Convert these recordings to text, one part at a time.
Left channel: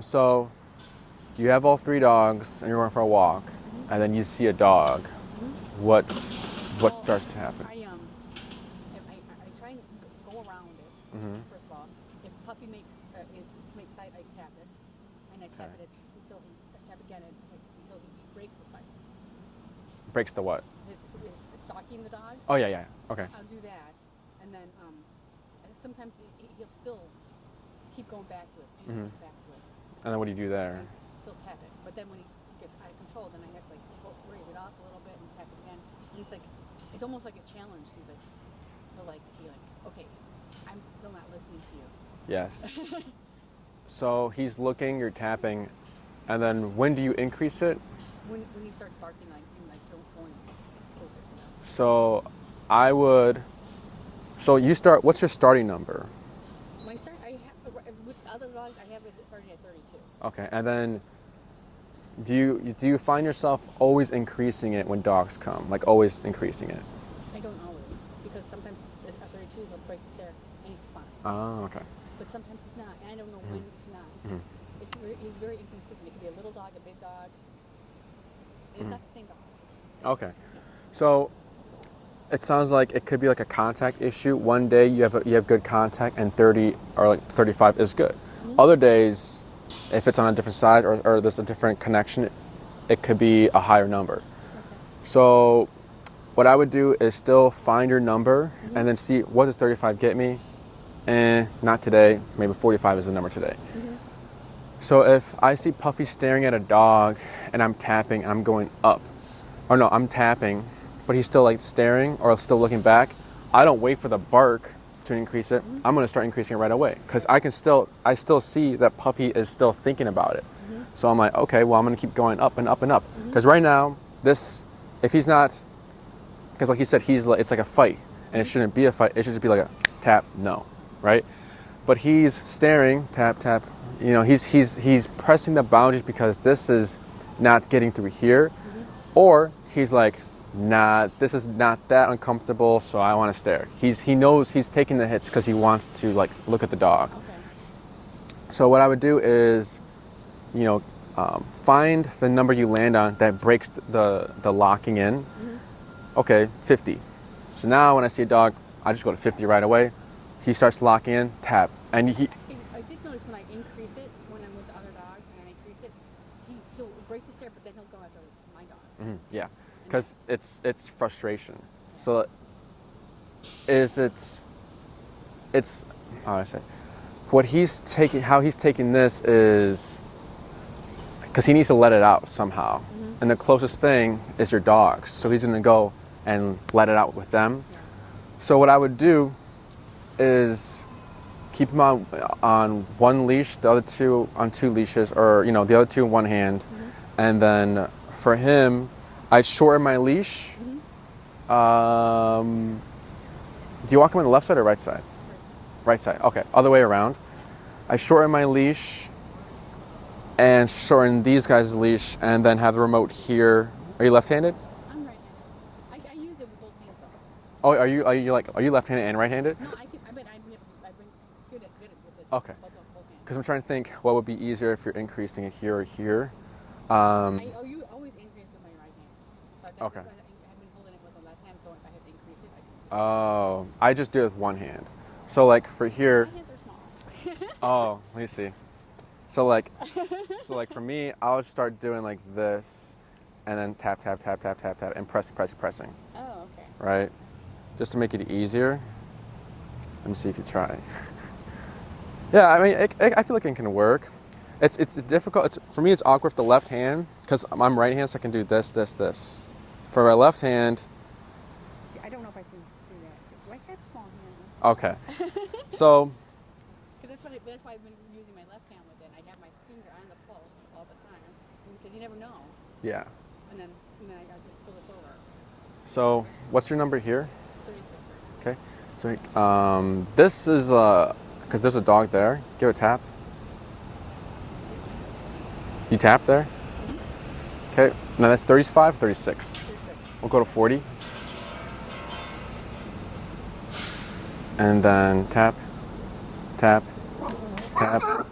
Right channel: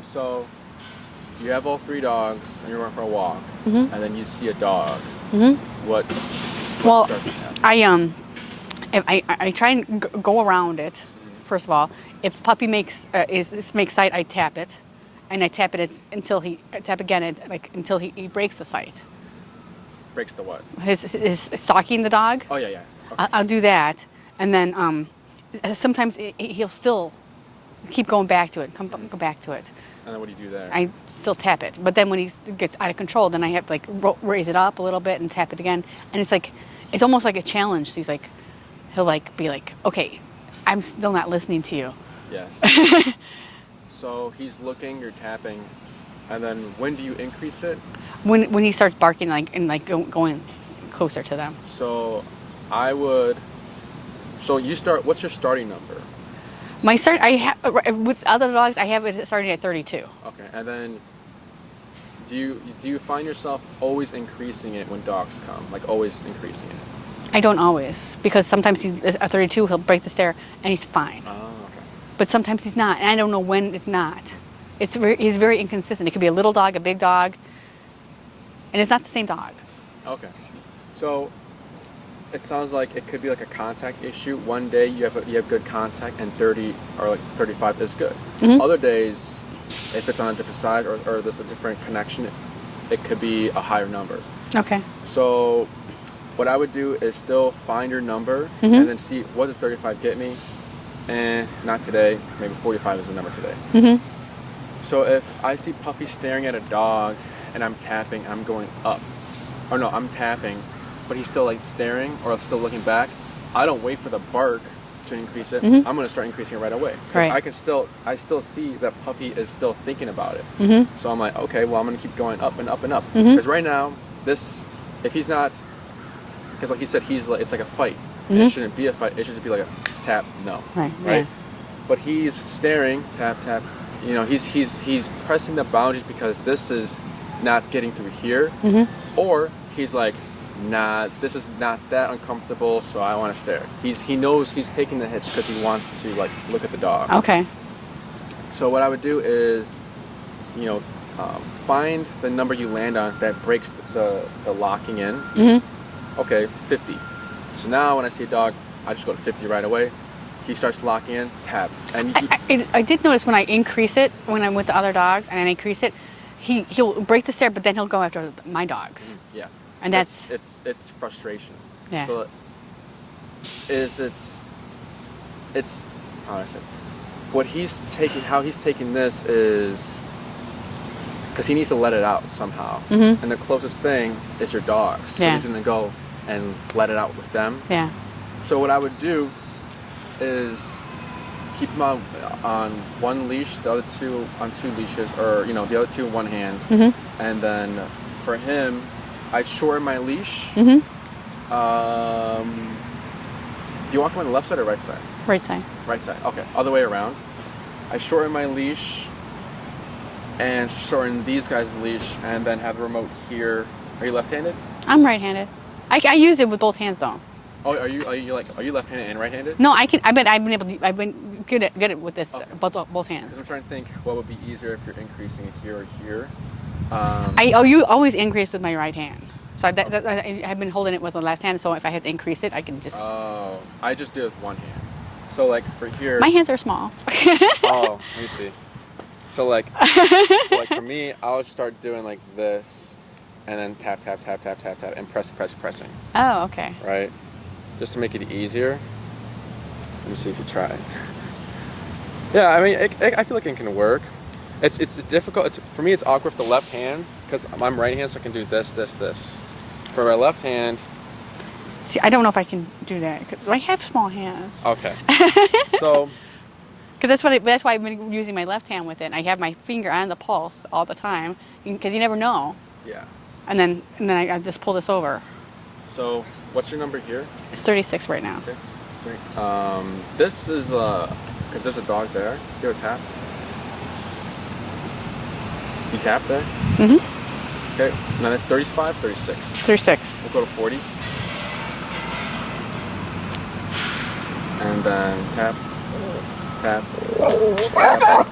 So you have all 3 dogs and you're going for a walk, and then you see a dog. What starts to happen? I try and go around it. First of all, if puppy makes sight, I tap it, and I tap it until he breaks the sight. Breaks the what? His stalking the dog. Oh yeah. Okay. I'll do that, and then sometimes he'll still keep going back to it. Go back to it. And then what do you do there? I still tap it, but then when he gets out of control, then I have to like raise it up a little bit and tap it again, and it's almost like a challenge. He'll be like, okay, I'm still not listening to you. Yes. So he's looking, you're tapping, and then when do you increase it? When he starts barking going closer to them. So you start. What's your starting number? My start, with other dogs, I have it starting at 32. Okay, and then do you find yourself always increasing it when dogs come? Like always increasing it? I don't always, because sometimes at 32 he'll break the stare and he's fine. Oh, okay. But sometimes he's not, and I don't know when it's not. He's very inconsistent. It could be a little dog, a big dog, and it's not the same dog. Okay, so it sounds like it could be like a contact issue. One day you have good contact, and 30 or like 35 is good. Other days, if it's on a different side or there's a different connection, it could be a higher number. Okay. So what I would do is still find your number and then see, what does 35 get me? Not today. Maybe 45 is the number today. So if I see Puffy staring at a dog and I'm tapping, I'm going up. Or no, I'm tapping, but he's still like staring or still looking back. I don't wait for the bark to increase it. I'm going to start increasing it right away, because I still see that Puffy is still thinking about it. So I'm like, okay, well, I'm going to keep going up and up and up. Because right now, if he's not, because like you said, it's like a fight. And it shouldn't be a fight. It should just be like a tap, no, right? Yeah. But he's staring, tap, tap. You know, he's pressing the boundaries because this is not getting through here, or he's like, nah, this is not that uncomfortable, so I want to stare. He knows he's taking the hits because he wants to like look at the dog. Okay. So what I would do is, find the number you land on that breaks the locking in. Okay, 50. So now when I see a dog, I just go to 50 right away. He starts locking in, tap. And I did notice when I increase it, when I'm with the other dogs and I increase it, he'll break the stare, but then he'll go after my dogs. Yeah. And that's it's frustration. Yeah. So it's how I said, how he's taking this is because he needs to let it out somehow. And the closest thing is your dogs. So he's gonna go and let it out with them. Yeah. So what I would do is keep him on one leash, the other 2 on 2 leashes, or the other 2 in one hand. And then for him, I'd shorten my leash. Do you walk him on the left side or right side? Right side. Right side. Okay. Other way around. I shorten my leash and shorten these guys' leash, and then have the remote here. Are you left-handed? I'm right-handed. I use it with both hands though. Oh, are you left-handed and right-handed? No, I can. I've been good at it with this, okay. both hands. Because I'm trying to think what would be easier if you're increasing it here or here. You always increase with my right hand. So I've been holding it with the left hand. So if I have to increase it, I can just. Oh, I just do it with one hand. So like for here. My hands are small. Oh, let me see. So like for me, I'll start doing like this, and then tap, tap, tap, tap, tap, tap, and pressing. Oh, okay. Right. Just to make it easier. Let me see if you try. Yeah, I mean, I feel like it can work. It's difficult. For me, it's awkward with the left hand because I'm right-handed, so I can do this, this, this. For a left hand. See, I don't know if I can do that because I have small hands. Okay. So. Because that's why I've been using my left hand with it. I have my finger on the pulse all the time because you never know. Yeah. And then I just pull this over. So, what's your number here? It's 36 right now. Okay. So, this is because there's a dog there. Give it a tap. You tap there? Okay. Now that's 35, 36. 36. We'll go to 40. And then tap, tap, tap.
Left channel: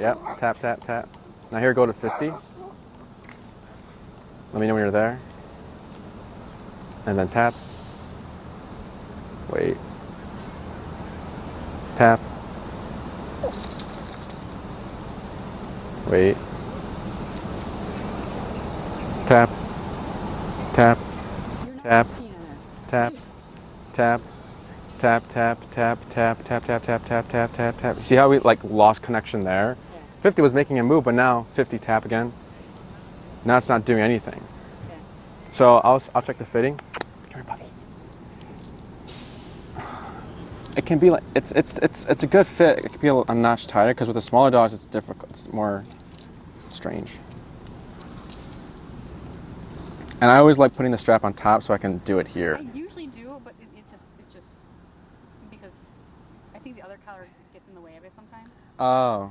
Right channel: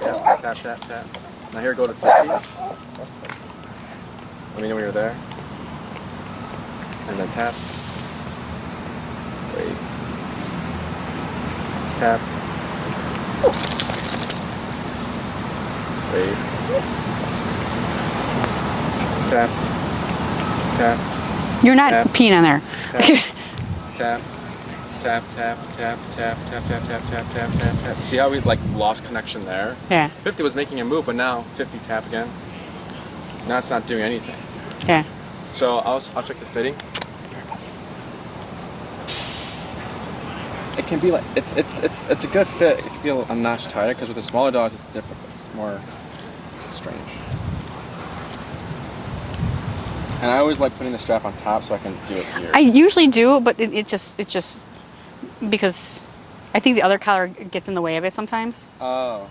Yep, tap, tap, tap. Now here, go to 50. Let me know when you're there. And then tap. Wait. Tap. Wait. Tap. Tap. You're not Tap. peeing on there. Tap. Tap, tap, tap, tap, tap, tap, tap, tap, tap, tap, tap. See how we like lost connection there? Yeah. 50 was making a move, but now 50 tap again. Now it's not doing anything. Yeah. So I'll check the fitting. It can be like it's a good fit. It can be a notch tighter because with the smaller dogs it's difficult. It's more strange. And I always like putting the strap on top so I can do it here. I usually do, but it just because I think the other collar gets in the way of it sometimes. Oh.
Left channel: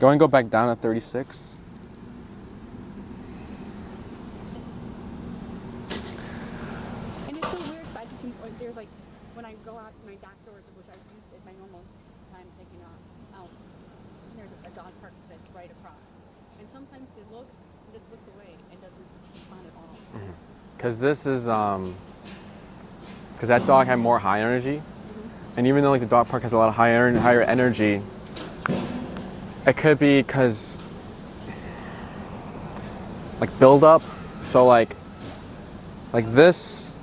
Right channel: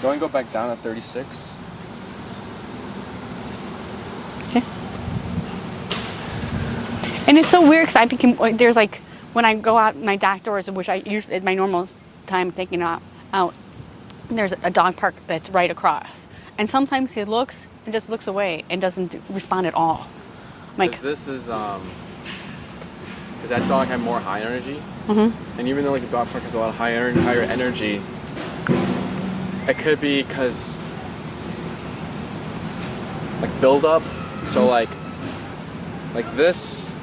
Go and go back down at 36. Okay. And it's so weird because I became there's like when I go out my dock doors, which I usually at my normal time taking out, there's a dog park that's right across, and sometimes he looks and just looks away and doesn't respond at all. Because this is because that dog had more high energy, and even though like the dog park has a lot of higher energy, it could be because like build up. So like this,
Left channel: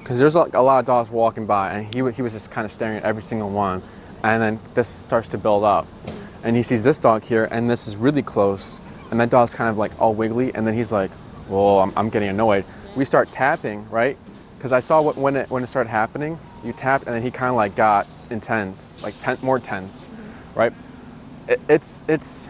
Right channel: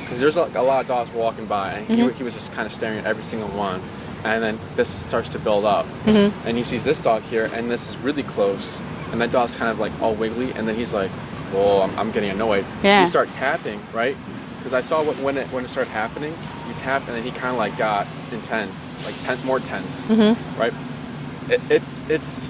because there's like a lot of dogs walking by, and he was just kind of staring at every single one, and then this starts to build up, and he sees this dog here, and this is really close, and that dog's kind of like all wiggly, and then he's like, well, I'm getting annoyed. Yeah. You start tapping, right? Because I saw when it started happening, you tap, and then he kind of like got intense, like more tense, right? It's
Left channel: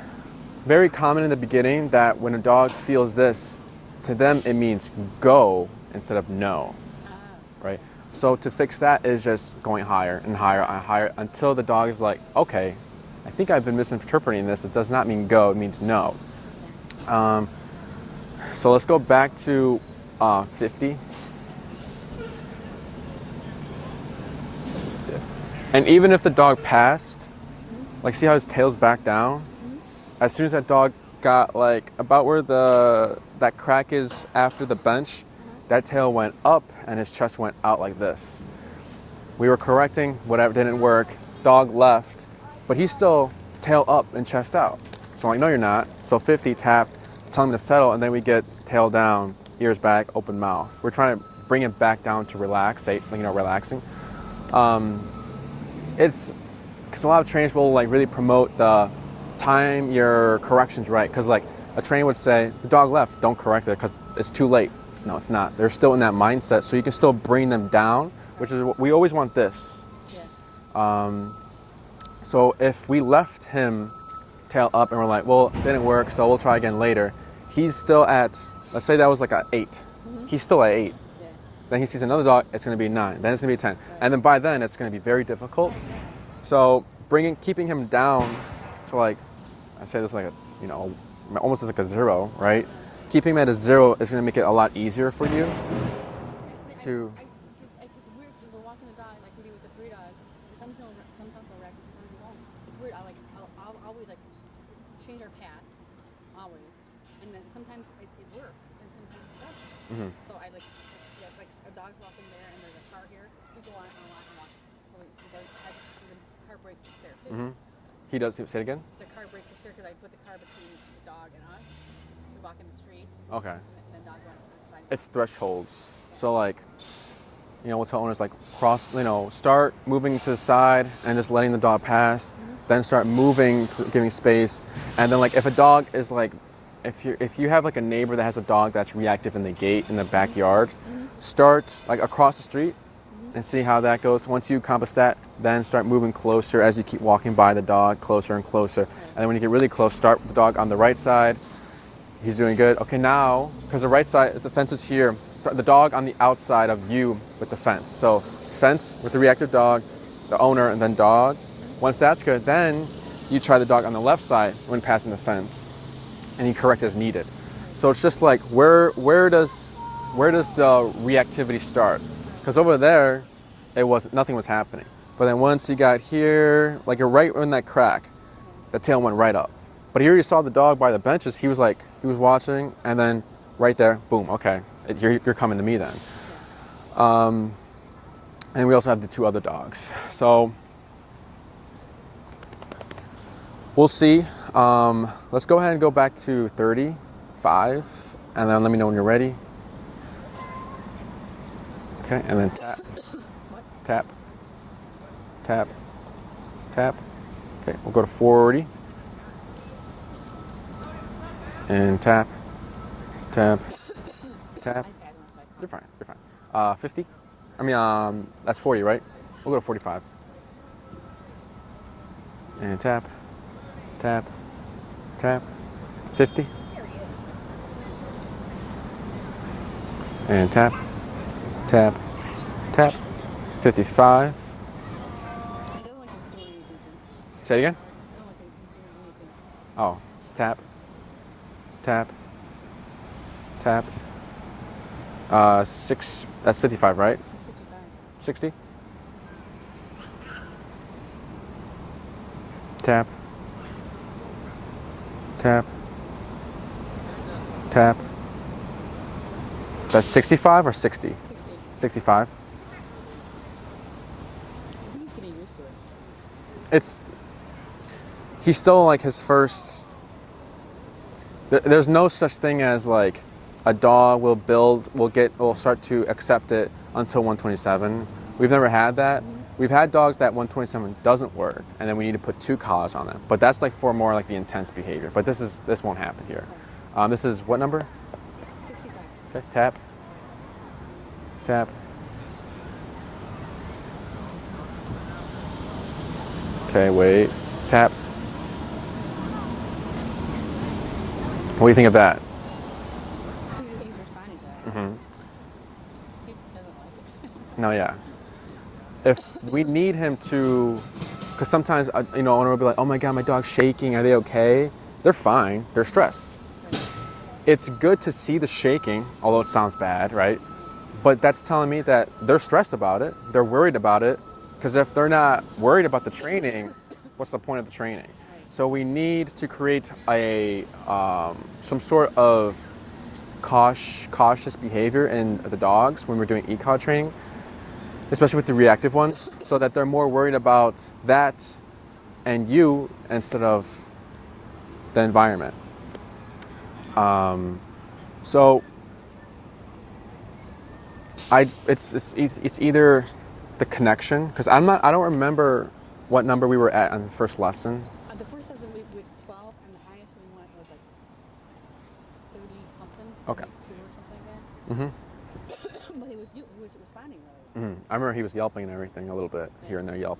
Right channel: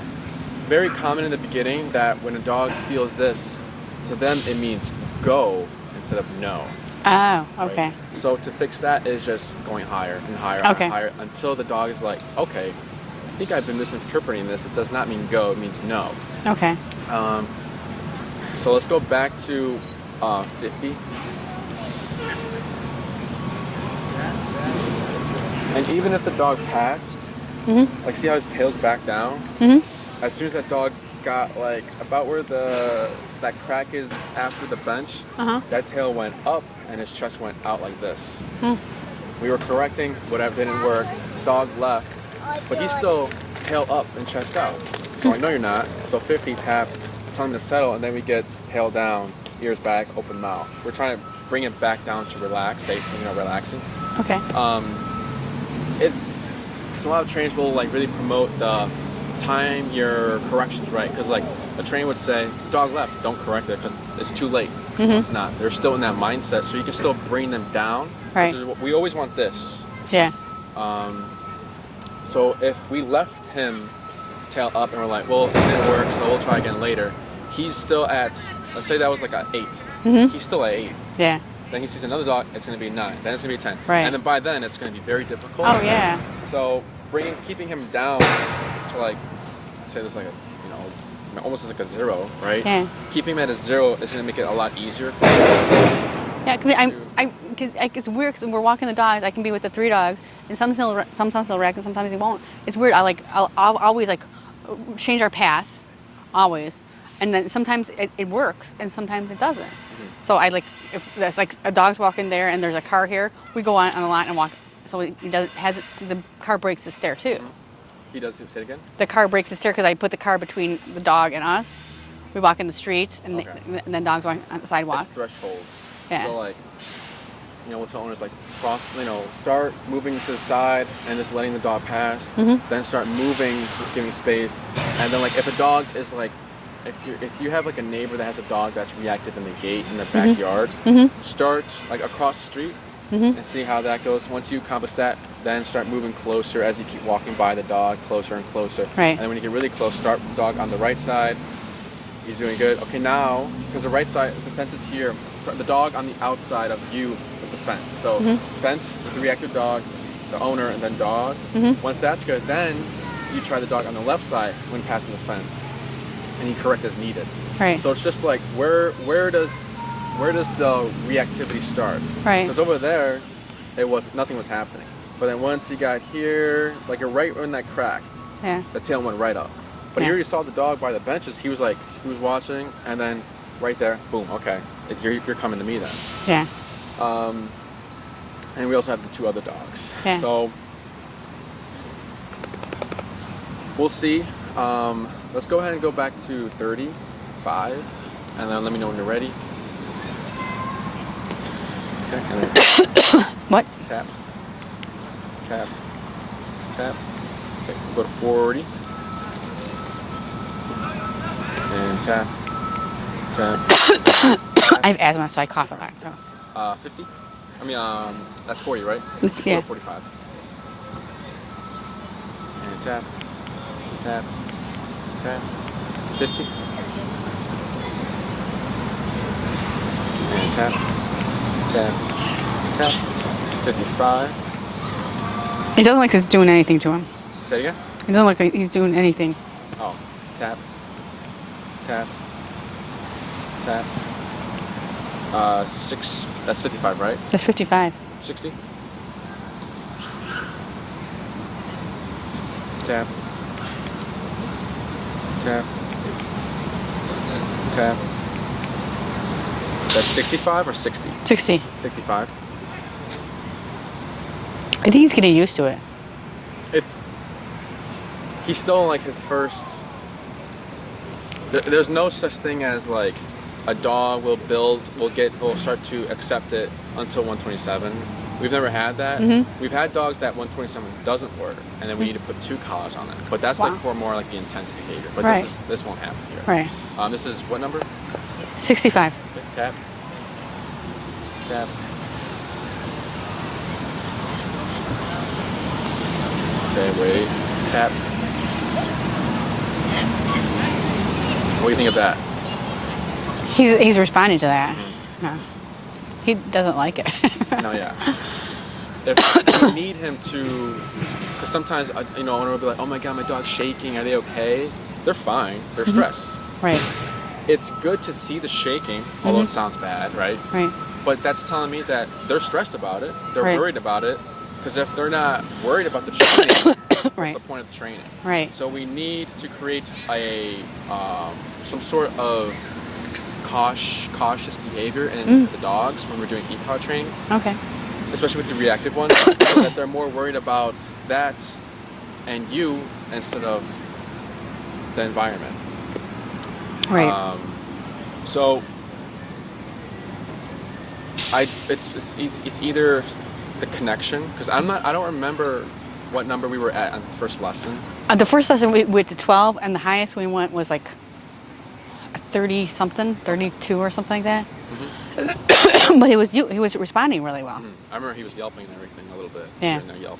very common in the beginning that when a dog feels this, to them it means go instead of no. Oh, okay. Right? So to fix that is just going higher and higher and higher until the dog is like, okay, I think I've been misinterpreting this. It does not mean go, it means no. Okay. So let's go back to 50. And even if the dog passed, like see how his tail's back down? As soon as that dog got like about where that crack is after the bench, that tail went up and his chest went out like this. We were correcting whatever didn't work. Dog left, but he's still tail up and chest out. So I know you're not. So 50 tap, tongue to settle, and then we get tail down, ears back, open mouth. We're trying to bring it back down to relax, relaxing. Okay. It's because a lot of trainers will like really promote the time your corrections right. Because like a trainer would say, the dog left, don't correct it because it's too late. No, it's not. They're still in that mindset, so you can still bring them down. Right. We always want this. Yeah. So if we left him tail up and we're like, well, it didn't work, so we'll try again later. He's still at, let's say that was like an 8. He's still at 8. Yeah. Then he sees another dog, it's going to be 9. Then it's going to be 10. Right. And then by then, it's going to be very difficult. Oh, yeah. So keeping him down to like, I say this like almost as like a 0, right? Yeah. Keeping him at a 0 is going to make it a lot easier for you. Yeah, because it's weird because when we're walking the dogs, I can be with the 3 dogs, and sometimes he'll wreck and sometimes he won't. It's weird. I'll always like change our path, always, and then sometimes it works and sometimes it doesn't. So I like if there's like a dog's walking there and there's a car here, we go on a line and walk. So the car breaks the stair too. He does. Say it again. The car breaks the stair because I put the car between the dog and us. We walk in the street and, and then dogs walk on the sidewalk. It's thresholds. Yeah. So like, we'll tell owners like start moving to the side and just letting the dog pass. Then start moving, giving space, and then like if a dog is like, if you have like a neighbor that has a dog that's reactive in the gate in the backyard, start like across the street and see how that goes. Once you accomplish that, then start moving closer as you keep walking by the dog, closer and closer. Right. And then when you get really close, start the dog on the right side. He's doing good. Okay, now, because the right side, the fence is here, the dog on the outside of you with the fence. So fence with the reactive dog, the owner, and then dog. Once that's good, then you try the dog on the left side when passing the fence, and you correct as needed. Right. So it's just like where does the reactivity start? Right. Because over there, nothing was happening. But then once he got here, like right in that crack, Yeah. the tail went right up. But he already saw the dog by the benches. He was watching, and then right there, boom, okay, you're coming to me then. Yeah. And we also have the 2 other dogs. Yeah. So we'll see. Let's go ahead and go back to 35, and then let me know when you're ready. Okay, and then What? tap, tap, tap. Okay, we'll go to 40. And tap, tap, tap. I have asthma, so I cough a lot. So. 50? I mean, that's 40, right? Yeah. We'll go to 45. And tap, tap, tap. 50. And tap, tap, tap. 55. It doesn't look like it's doing anything to him. Say it again? It doesn't look like he's doing anything. Oh, tap, tap, tap. 6, that's 55, right? That's 55. 60. Tap, tap, tap. That's 65 or 60? 60. 65. I think he's getting used to it. He's still like his first. There's no such thing as like a dog will start to accept it until 127. We've never had that. Mm-hmm. We've had dogs that 127 doesn't work, and then we need to put 2 collars on it. But that's like for more like the intense behavior. But Right. this won't happen here. Right. This is what number? 65. Okay, tap. Tap. Okay, wait. Tap. What do you think of that? He's responding to that. Mm-hmm. No. He doesn't like it. No, yeah. If you need him to, because sometimes, owner will be like, oh my God, my dog's shaking. Are they okay? They're fine. They're stressed. Right. It's good to see the shaking, although it sounds bad, right? Right. But that's telling me that they're stressed about it. They're Right. worried about it. Because if they're not worried about the training, what's Right. the point of the training? Right. So we need to create some sort of cautious behavior in the dogs when we're doing e-collar training, Okay. especially with the reactive ones, so that they're more worried about that and you instead of the environment. Right. So it's either the connection, because I don't remember what number we were at on the first lesson. The first lesson we went to 12, and the highest we went was like 30 something, 32 or something like that. Mm-hmm. But he was responding really well. I remember he was yelping and everything a little bit. Yeah. In there yelp.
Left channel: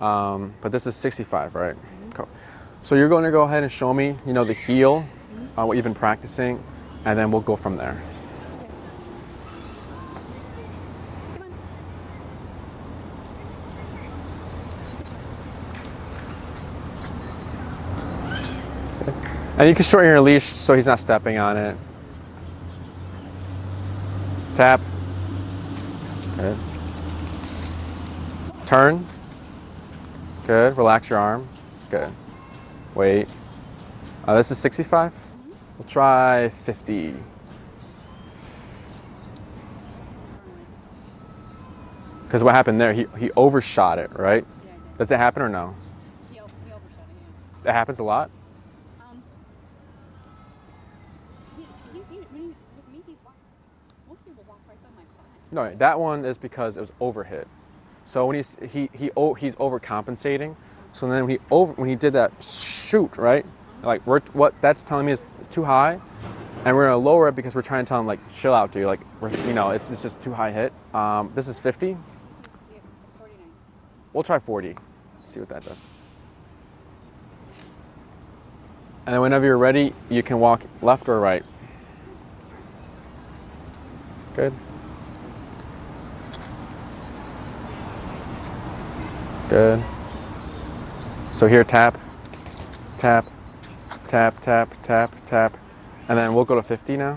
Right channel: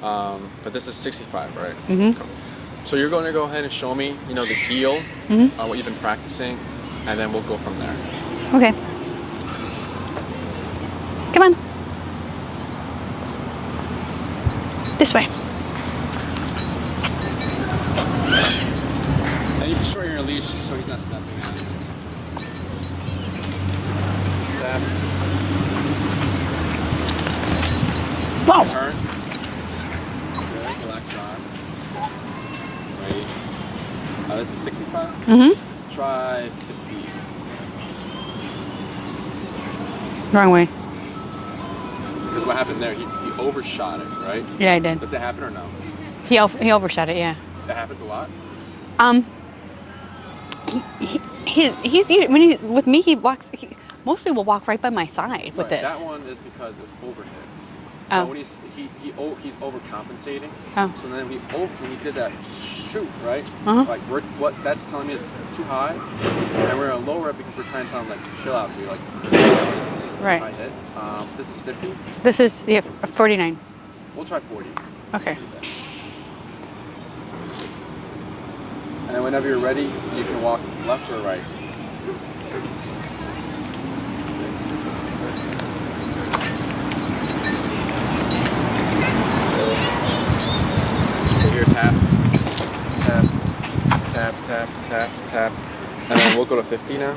But this is 65, right? Mm-hmm. Cool. So you're going to go ahead and show me, the heel, what you've been practicing, and then we'll go from there. Okay. Come on. This way. And you can shorten your leash so he's not stepping on it. Tap. Whoa. Turn. Good. Relax your arm. Good. Wait. This is 65? Mm-hmm. Try 50. Wrong way. Because what happened there, he overshot it, right? Yeah, I did. Does that happen or no? He overshot it, yeah. That happens a lot? He's when he's with me. He mostly will walk right by my side No, with this. that one is because it was overhit. So Oh. when he's overcompensating. Oh. So then when he did that shoot, right? Uh-huh. Like what that's telling me is too high, and we're gonna lower it because we're trying to tell him like chill out, dude. Like it's just too Right. high hit. This is 50. This is 49. We'll try 40. Okay. See what that does. And whenever you're ready, you can walk left or right. Good. Good. So here, tap, tap, tap, tap, tap, tap. And then we'll go to 50 now.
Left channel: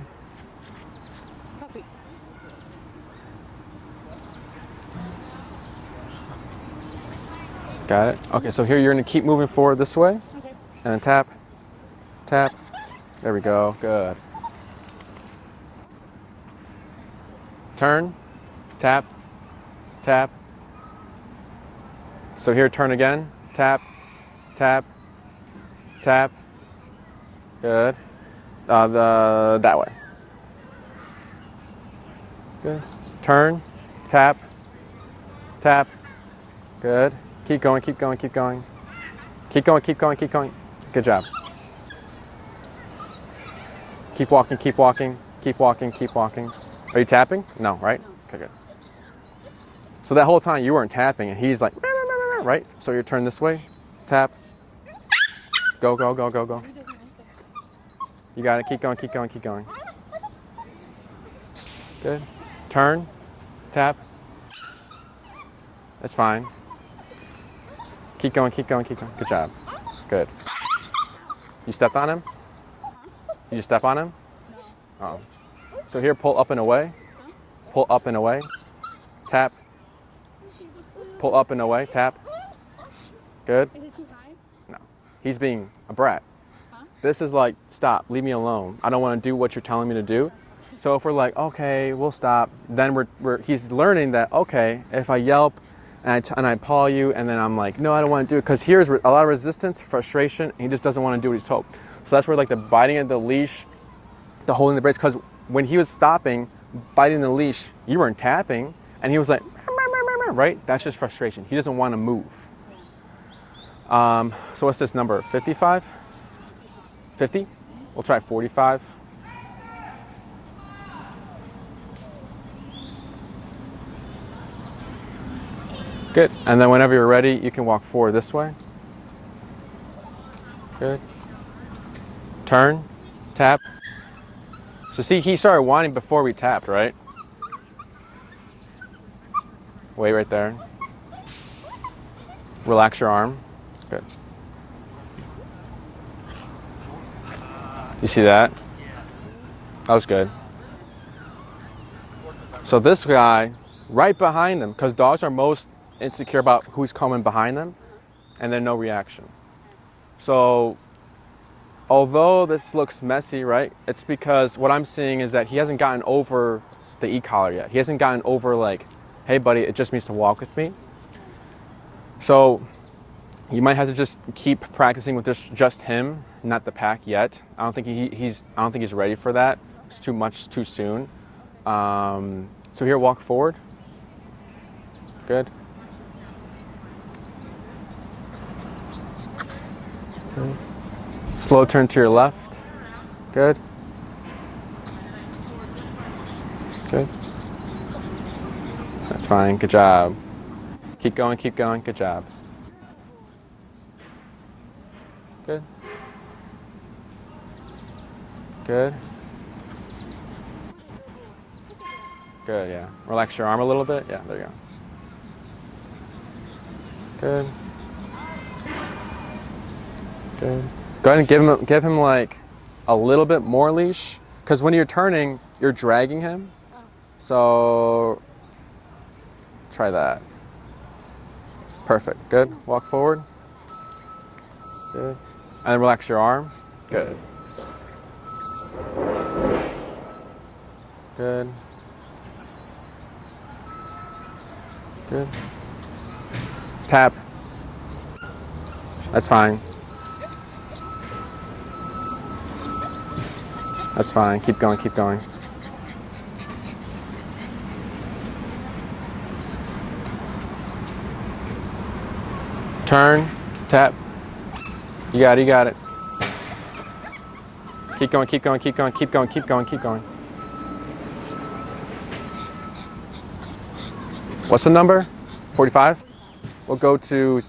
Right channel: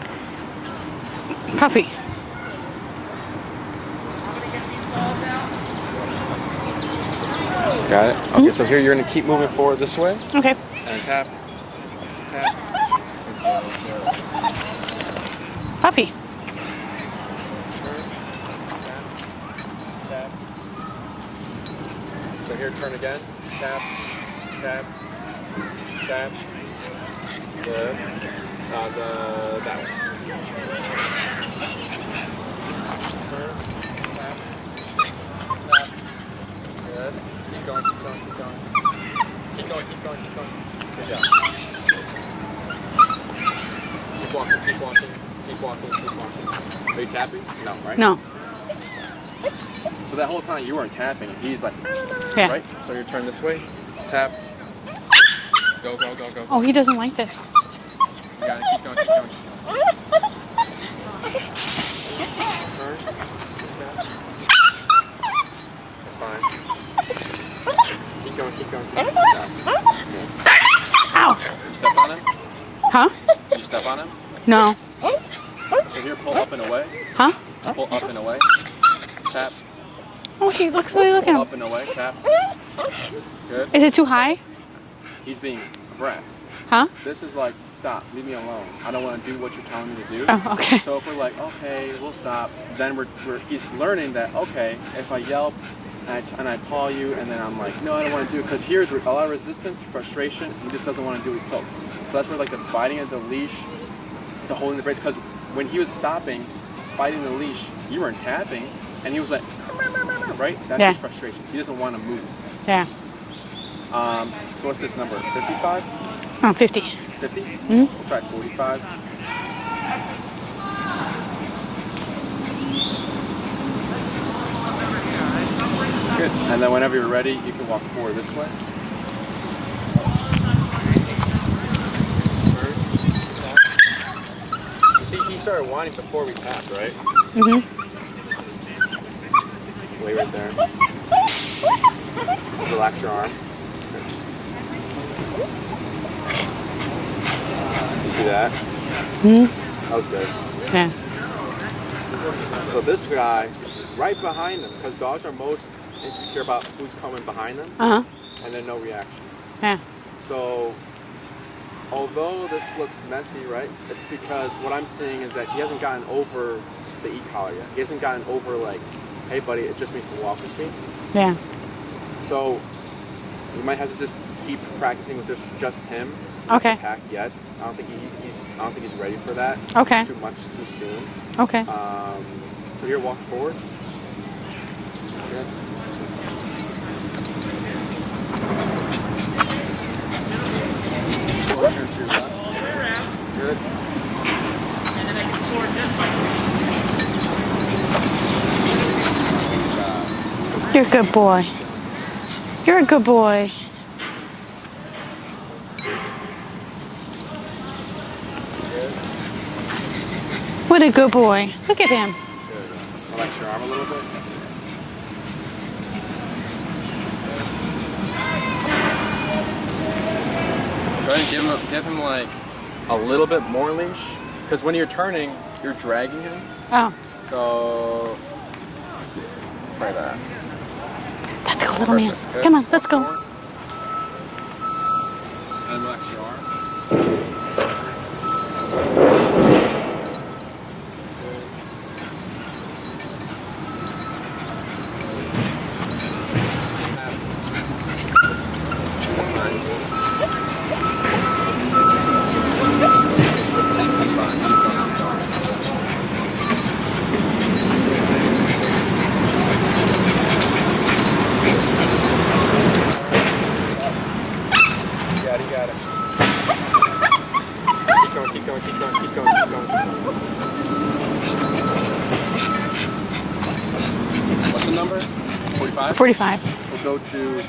Puffy. Got it? Okay, so here you're gonna keep moving forward this way. Okay. And then tap, tap. There we go. Good. Puffy. Turn, tap, tap. So here, turn again. Tap, tap, tap. Good. That way. Turn, tap, tap. Good. Keep going, keep going, keep going. Keep going, keep going, keep going. Good job. Keep walking, keep walking, keep walking, keep walking. Are you tapping? No, right? No. Okay. So that whole time you weren't tapping, and he's like, Yeah. right? So you turn this way, tap, go, go, go, go, go. Oh, he doesn't like this. You got it. Keep going, keep going, keep going. Good. Turn, tap. That's fine. Keep going, keep going, keep going. Good job. Good. Ow. You stepped on him? Huh? Did you step on him? No. So here, pull up and away. Huh? Pull up and away. Tap. Oh, he looks really looking. Pull up and away. Tap. Good. Is it too high? He's being a brat. Huh? This is like, stop, leave me alone. I don't want to do what you're telling me to do. Oh, okay. So if we're like, okay, we'll stop, then he's learning that, okay, if I yelp and I paw you and then I'm like, no, I don't want to do it, because here's a lot of resistance, frustration, he just doesn't want to do what he's told. So that's where like the biting of the leash, the holding the brakes, because when he was stopping, biting the leash, you weren't tapping, and he was like, right? That's Yeah. just frustration. He doesn't want to move. Yeah. So what's this number, 55? Oh, 50. 50? Mm-hmm. We'll try 45. Good. And then whenever you're ready, you can walk forward this way. Good. Turn, tap. So see, he started whining before we tapped, right? Mm-hmm. Way right there. Relax your arm. Good. You see that? Mm-hmm. That was good. Yeah. So this guy, right behind them, because dogs are most insecure about who's coming behind them, Uh-huh. and then no reaction. Yeah. So, although this looks messy, right? It's because what I'm seeing is that he hasn't gotten over the e-collar yet. He hasn't gotten over like, hey buddy, it just means to walk with me. Yeah. So, you might have to just keep practicing with just him, not Okay. the pack yet. I don't think he's ready for that. Okay. It's too much too soon. Okay. So here, walk forward. Good. Slow turn to your left. Good. Good. It's fine. Good job. You're a good Keep boy. going. Keep going. Good job. You're a good boy. Good. Good. What a good boy. Look at him. Good. Yeah. Relax your arm a little bit. Yeah. There you go. Good. Go ahead and give him like a little bit more leash, because when you're turning, you're dragging him. Oh. So try that. Let's go, little Perfect. man. Good. Come on, Walk let's go. forward. Good. And relax your arm. Good. Good. Good. Tap. That's fine. That's fine. Keep going, keep going. Turn, tap. You got it, you got it. Keep going, keep going, keep going, keep going, keep going, keep going. What's the number? 45? 45. We'll go to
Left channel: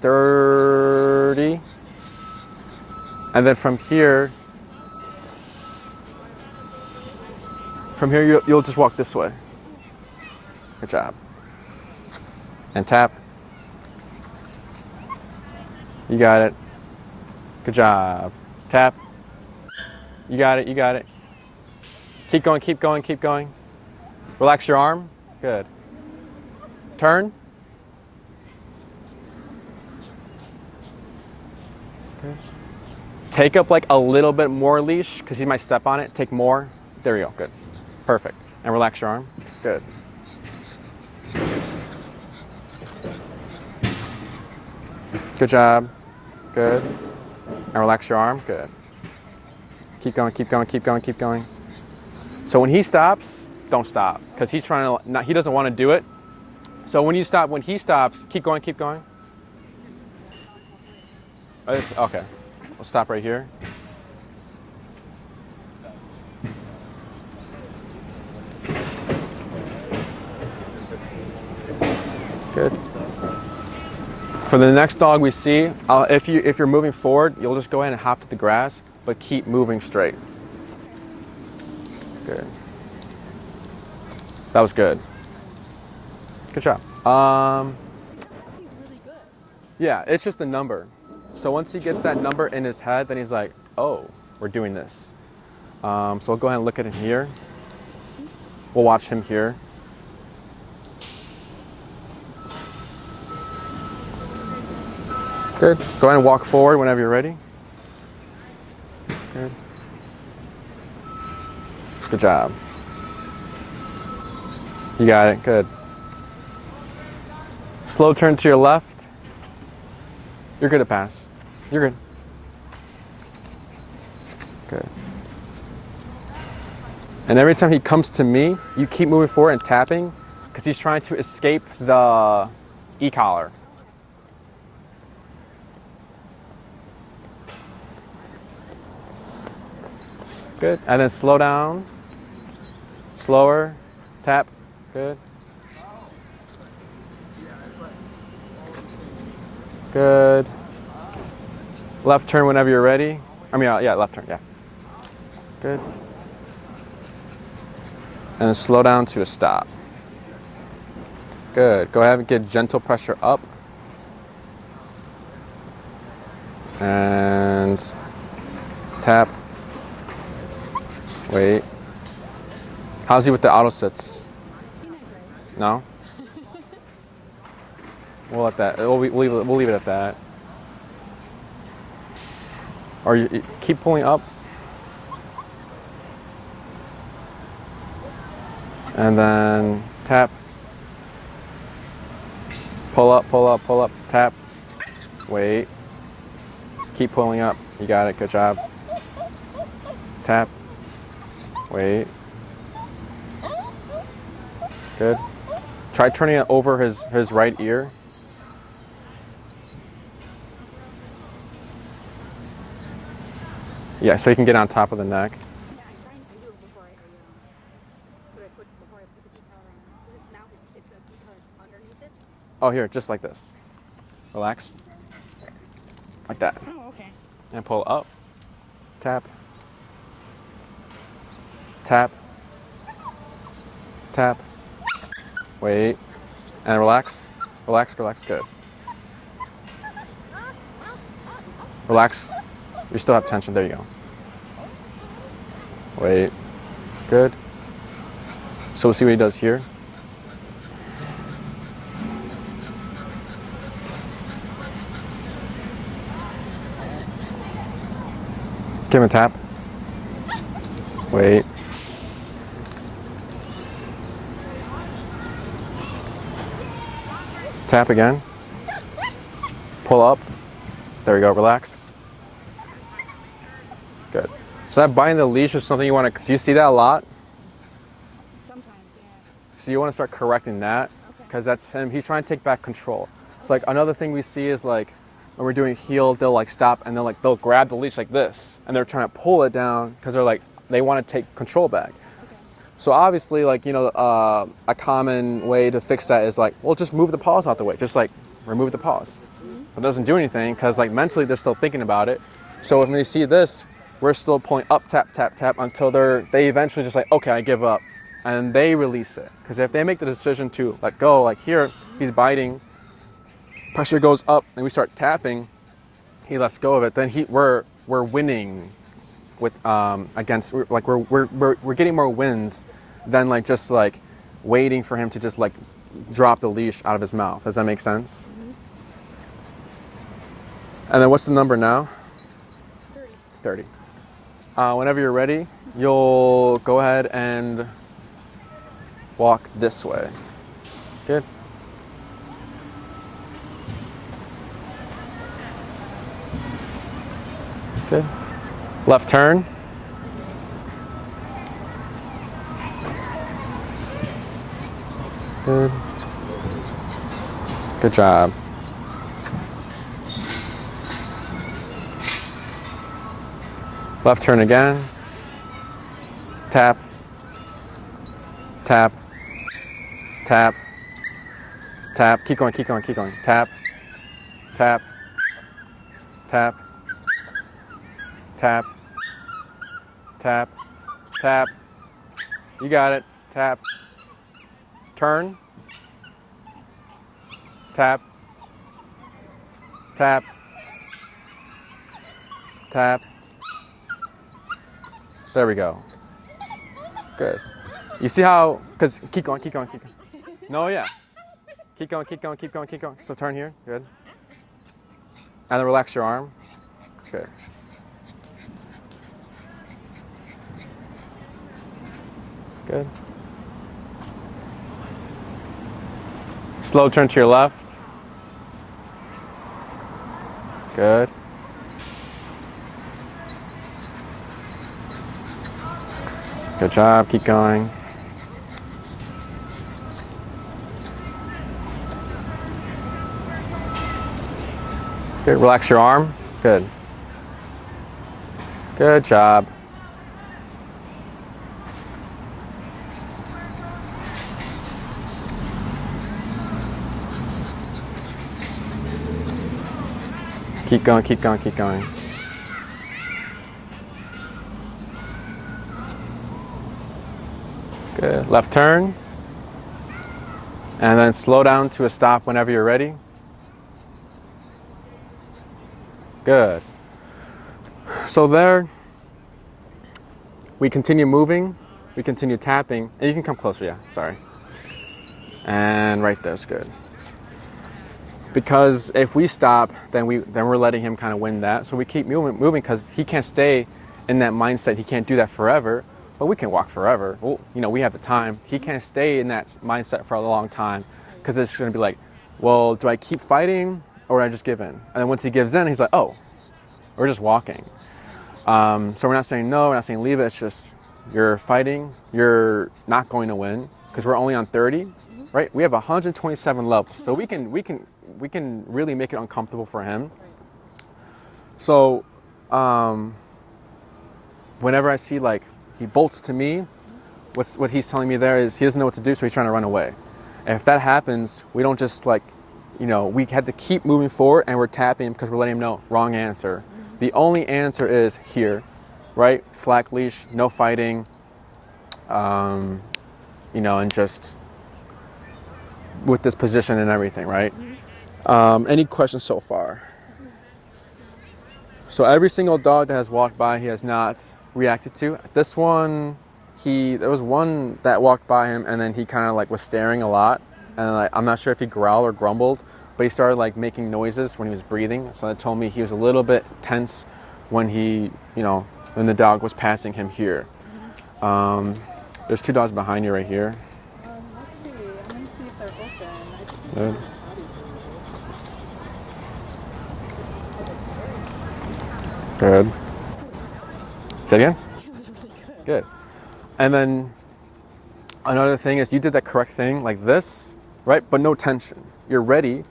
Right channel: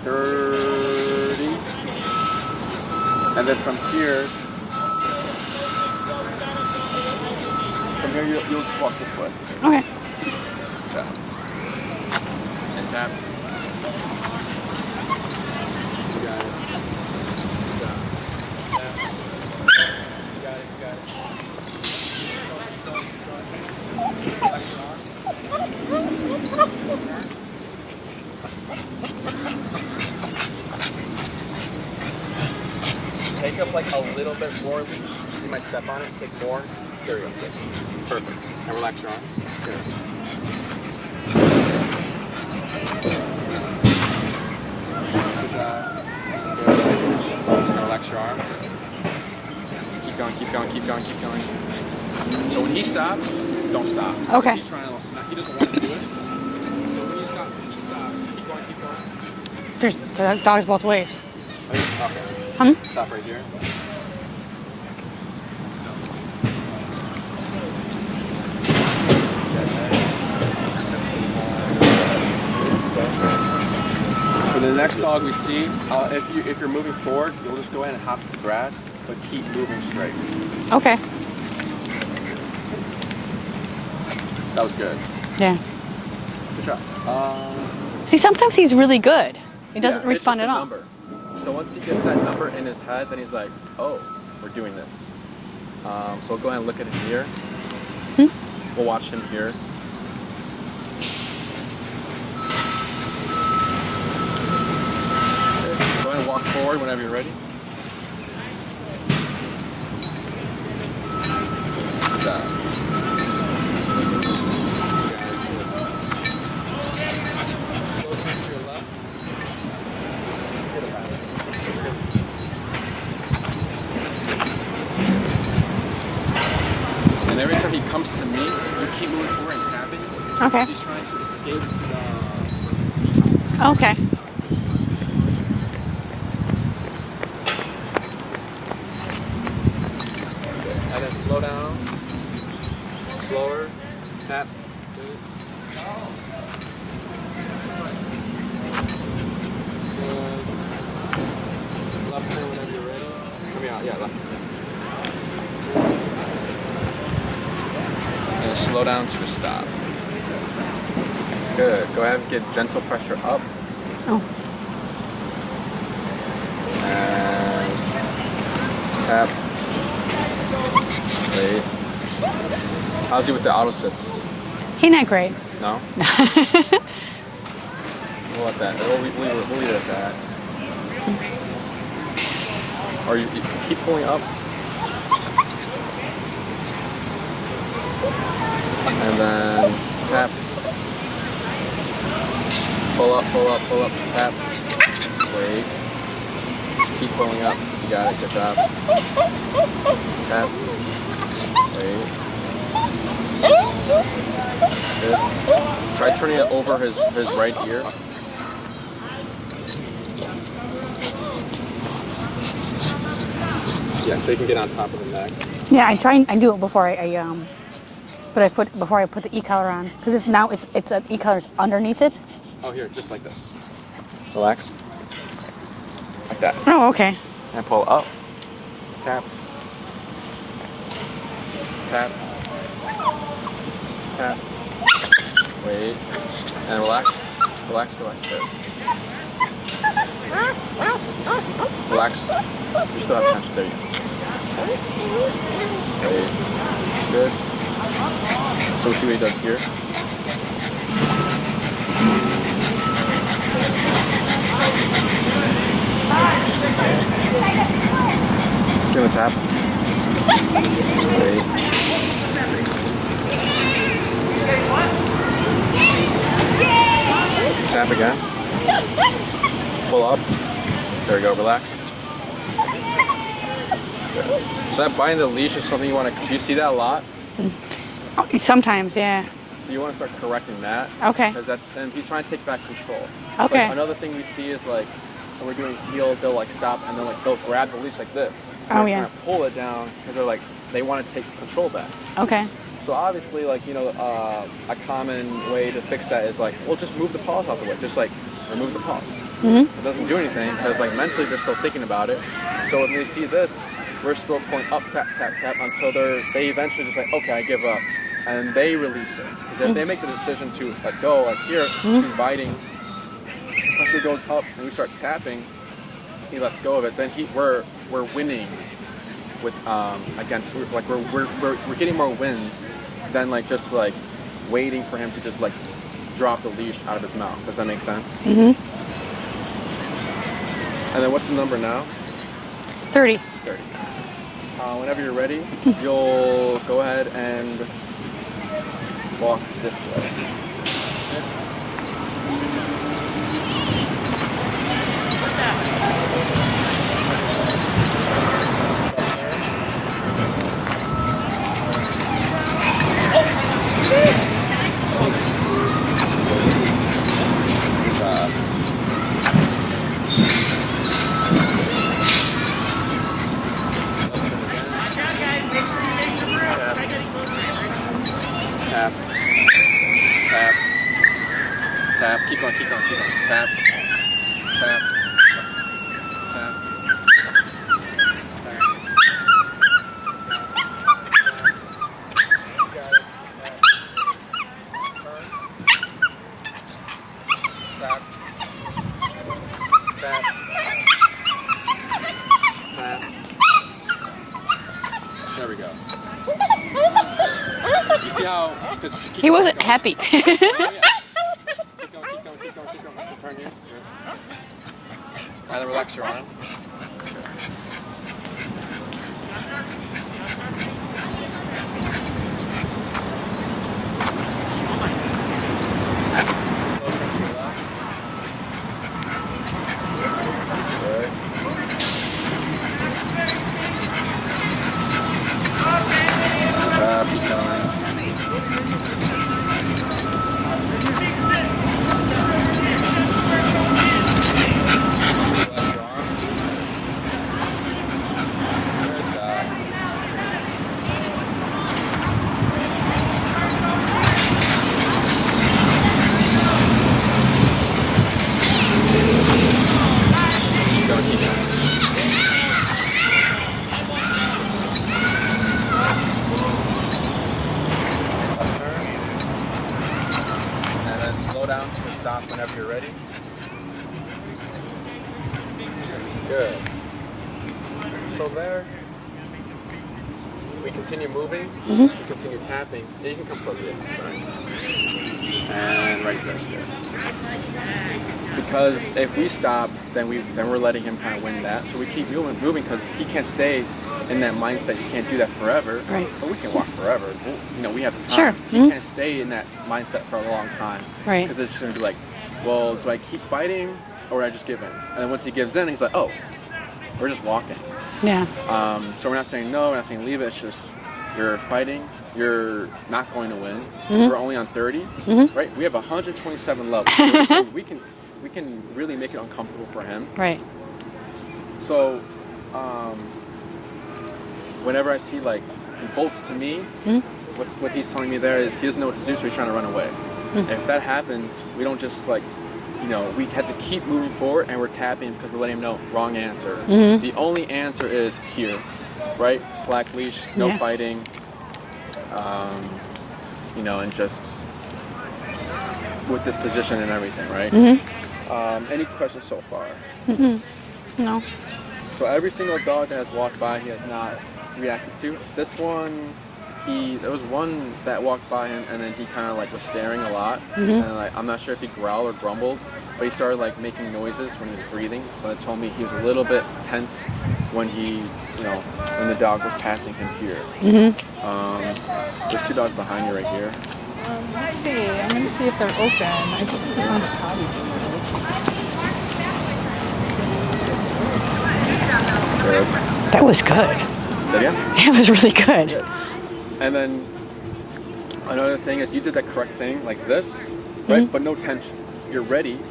30. And then from here you'll just walk this way. Okay. Good job. And tap. You got it. Good job. Tap. You got it, you got it. Keep going, keep going, keep going. Relax your arm. Good. Turn. Take up like a little bit more leash because he might step on it. Take more. There you go. Good. Perfect. And relax your arm. Good. Good job. Good. And relax your arm. Good. Keep going, keep going, keep going, keep going. So when he stops, don't stop. Because Okay. he's trying to, he doesn't want to do it. So when you stop, when he stops, keep going, keep going. There's dogs both ways. Okay. Stop right here. Good. For the next dog we see, if you're moving forward, you'll just go ahead and hop to the grass, but keep moving straight. Okay. Good. That was good. Yeah. Good job. See, sometimes he's really good. He doesn't Yeah, it's just respond a at all. number. So once he gets that number in his head, then he's like, oh, we're doing this. So we'll go ahead and look at it here. We'll watch him here. Good. Go ahead and walk forward whenever you're ready. Good job. You got it. Good. Slow turn to your left. You're good at pass. You're good. And every time he comes to me, you keep moving forward and tapping. Okay. He's trying to escape the e-collar. Okay. Good. And then slow down. Slower. Tap. Good. Good. Left turn whenever you're ready. I mean, yeah, left turn, yeah. Good. And then slow down to a stop. Good. Go ahead and get gentle pressure up. Oh. And tap. Wait. How's he with the auto sits? He's not great. No? We'll let that. We'll leave it at that. Or you keep pulling up. And then tap. Pull up, pull up, pull up, tap. Wait. Keep pulling up. You got it. Good job. Tap. Wait. Good. Try turning it over his right ear. Yeah, so you can get on top of the neck. Yeah, I do it before before I put the e-collar on, because it's an e-collar's underneath it. Oh, here, just like this. Relax. Like that. Oh, okay. And pull up. Tap. Tap. Tap. Wait. And relax. Relax, relax. Good. Relax. You still have tension. There you go. Wait. Good. So we'll see what he does here. Give him a tap. Wait. Tap again. Pull up. There we go. Relax. Good. So that biting the leash is something you want to. Do you see that a lot? Sometimes, yeah. So you want to start correcting that. Okay. Because that's him. He's trying to take back control. So Okay. like another thing we see is like when we're doing heel, they'll like stop and they'll grab the leash like this, and they're trying to pull it down because they want to take control back. Okay. So obviously, like, you know, a common way to fix that is like, well, just move the paws out the way. Just like remove the paws. It doesn't do anything because like mentally they're still thinking about it. So when they see this, we're still pulling up, tap, tap, tap until they eventually just like, okay, I give up, and they release it. Because if they make the decision to let go, like here, he's biting, pressure goes up, and we start tapping, he lets go of it. Then we're winning with against like we're getting more wins than like just like waiting for him to just like drop the leash out of his mouth. Does that make sense? And then what's the number now? 30. 30. Whenever you're ready, you'll go ahead and walk this way. Good. Good. Left turn. Good job. Left turn again. Tap. Tap. Tap. Tap. Keep going, keep going, keep going. Tap. Tap. Tap. Tap. Tap. Tap. You got it. Tap. Turn. Tap. Tap. Tap. There we go. Good. You see how, because He wasn't happy. No, yeah. Keep going, keep going, keep going, keep going. So turn here. Good. And then relax your arm. Good. Good. Slow turn to your left. Good. Good job. Keep going. Good. Relax your arm. Good. Good job. Keep going, keep going, keep going. Good. Left turn. And then slow down to a stop whenever you're ready. Good. So there, we continue moving, we continue tapping, and you can come closer, yeah, sorry. And right there's good. Because if we stop, then we're letting him kind of win that. So we keep moving because he can't stay in that mindset. He can't do that forever. Right. But we can walk forever. Well, you know, we have the time. Sure. He can't stay in that mindset for a long time. Right. Because it's going to be like, well, do I keep fighting or do I just give in? And then once he gives in, he's like, oh, we're just walking. Yeah. So we're not saying no, we're not saying leave it. It's just you're fighting. You're not going to win because we're only on 30, right? We have 127 levels. So we can really make it uncomfortable for him. Right. So whenever I see like he bolts to me, what he's telling me there is he doesn't know what to do, so he's trying to run away. And if that happens, we don't just like, you know, we had to keep moving forward and we're tapping because we're letting him know wrong answer. The only answer is here, right? Slack leash, no fighting, you know, and just with this position and everything, right? Any questions so far? No. So every single dog that has walked by, he has not reacted to. This one, there was one that walked by him and then he kind of like was staring a lot. And like, I'm not sure if he growled or grumbled, but he started like making noises when he was breathing. So that told me he was a little bit tense when when the dog was passing him here. There's two dogs behind you right here. Let's see. I'm going to see if they're open. I think they're on the potty. Good. That was good. Say again? That was really good. Good. And then another thing is you did that correct thing like this, right? But no tension. You're ready.